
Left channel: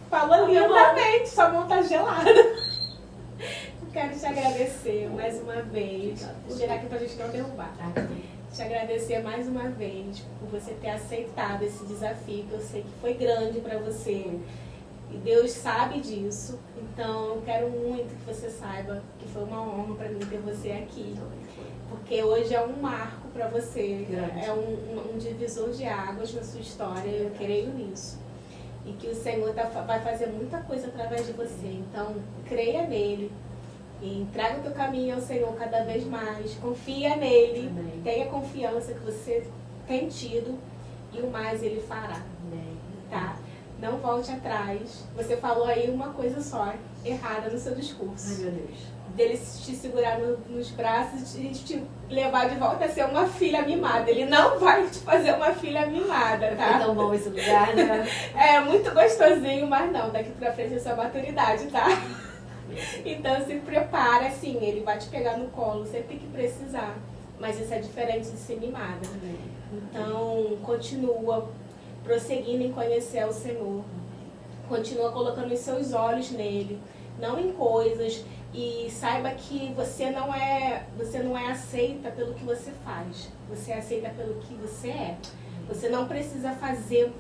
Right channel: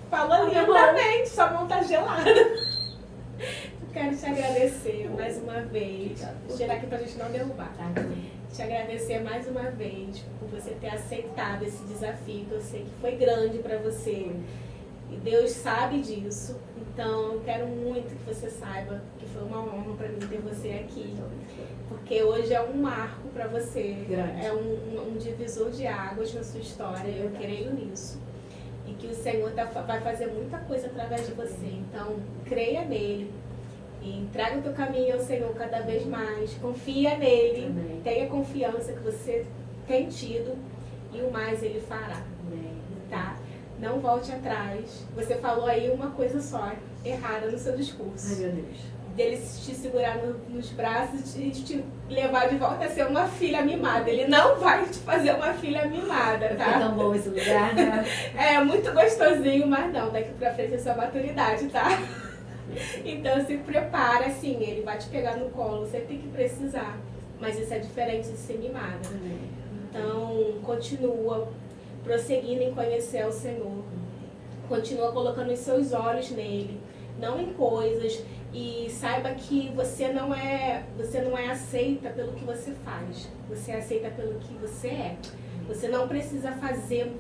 Falou lindamente, sua mão tá gelada. Eu quero te agradecer mais uma vez. Vou tirar aqui pra gente não derrubar, tá? Te agradecer mais uma vez por você ter aceitado esse desafio, que eu sei que foi grande pra você. E Deus sabe disso. Então, eu quero muito que você saiba que foi uma honra pra mim ter você aqui. Porque hoje é um marco pra você. Grande. É um divisor de águas na sua história. Eu creio nisso. E que o Senhor vai fazer muita coisa através de você. Então, creia nele. E entrega o teu caminho ao Senhor cada vez mais. Confia nele. Amém. Tenha confiança que você tem tido. E o mais ele fará. Amém. Tá? Não volte atrás. Você falou aí uma coisa só, errada no seu discurso. Ai, meu Deus. Dele te segurar nos braços e te levar de volta a ser uma filha mimada. Ele não vai te fazer uma filha mimada, tá? É tão bom esse lugar, né? É muito gostosinho, mas não, daqui pra frente é sua maturidade, tá? Então se prepara, assim, ele vai te pegar no colo sempre que precisar. Mas isso é diferente de ser mimada. Então, continua prosseguindo em conhecer o Senhor. Continua colocando os seus olhos nele, não em coisas. E saiba que você não é aceita pelo que você faz. Você é aceita pelo que você é. Você não precisa fazer,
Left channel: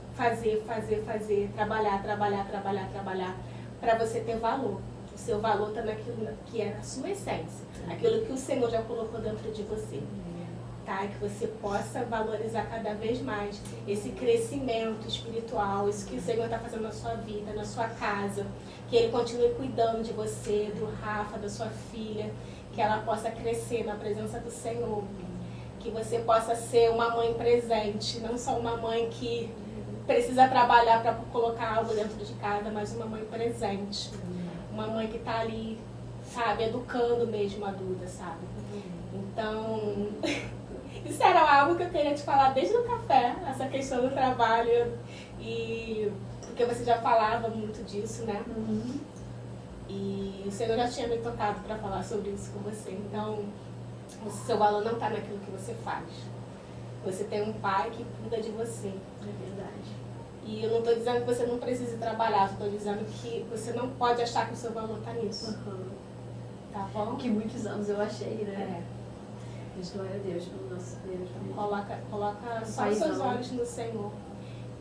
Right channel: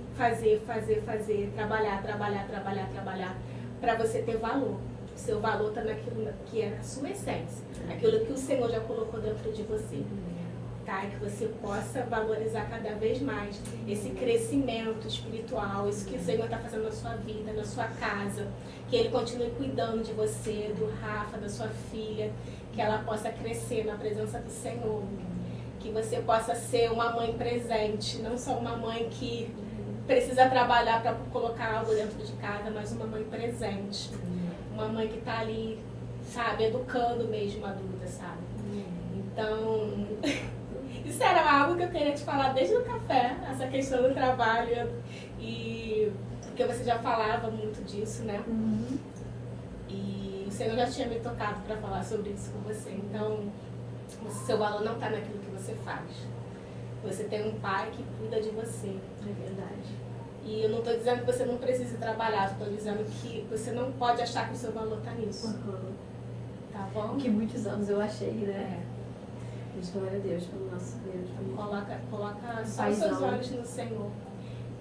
trabalhar para você ter valor. O seu valor está naquilo que é a sua essência, aquilo que o Senhor já colocou dentro de você. Tá? Que você possa valorizar cada vez mais esse crescimento espiritual, isso que o Senhor está fazendo na sua vida, na sua casa. Que Ele continue cuidando de você, do Rafa, da sua filha, que ela possa crescer na presença do Senhor. Que você possa ser uma mãe presente, não só uma mãe que precisa trabalhar para colocar algo dentro de casa, mas uma mãe presente. Uma mãe que está ali, sabe, educando mesmo a adulta, sabe? Então, isso era algo que eu queria te falar desde o café, essa questão do trabalho, e porque você já falava muito disso, né? E o Senhor já tinha me tocado para falar sobre isso com você. Então, o seu valor não está naquilo que você faz. Você tem um pai que cuida de você. É verdade. E eu não estou dizendo que você não precise trabalhar, estou dizendo que você não pode achar que o seu valor está nisso. Tá bom? Que muitos anos eu achei, né? Mas glória a Deus pelo nosso Deus. Coloca só os seus olhos no Senhor.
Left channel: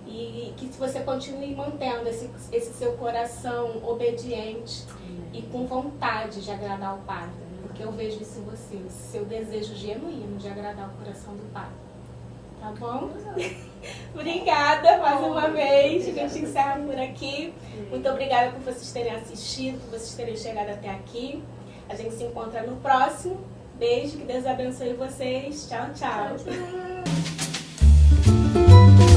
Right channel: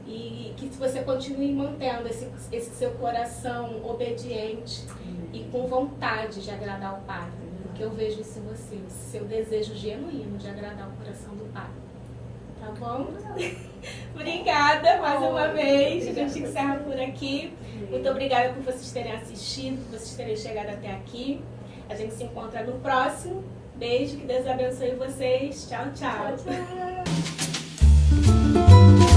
E que você continue mantendo esse seu coração obediente e com vontade de agradar o Pai. Porque eu vejo isso em você, seu desejo genuíno de agradar o coração do Pai. Tá bom? Obrigada mais uma vez. A gente encerra por aqui. Muito obrigada por vocês terem assistido, por vocês terem chegado até aqui. A gente se encontra no próximo. Beijo, que Deus abençoe vocês. Tchau, tchau. Tchau, tchau.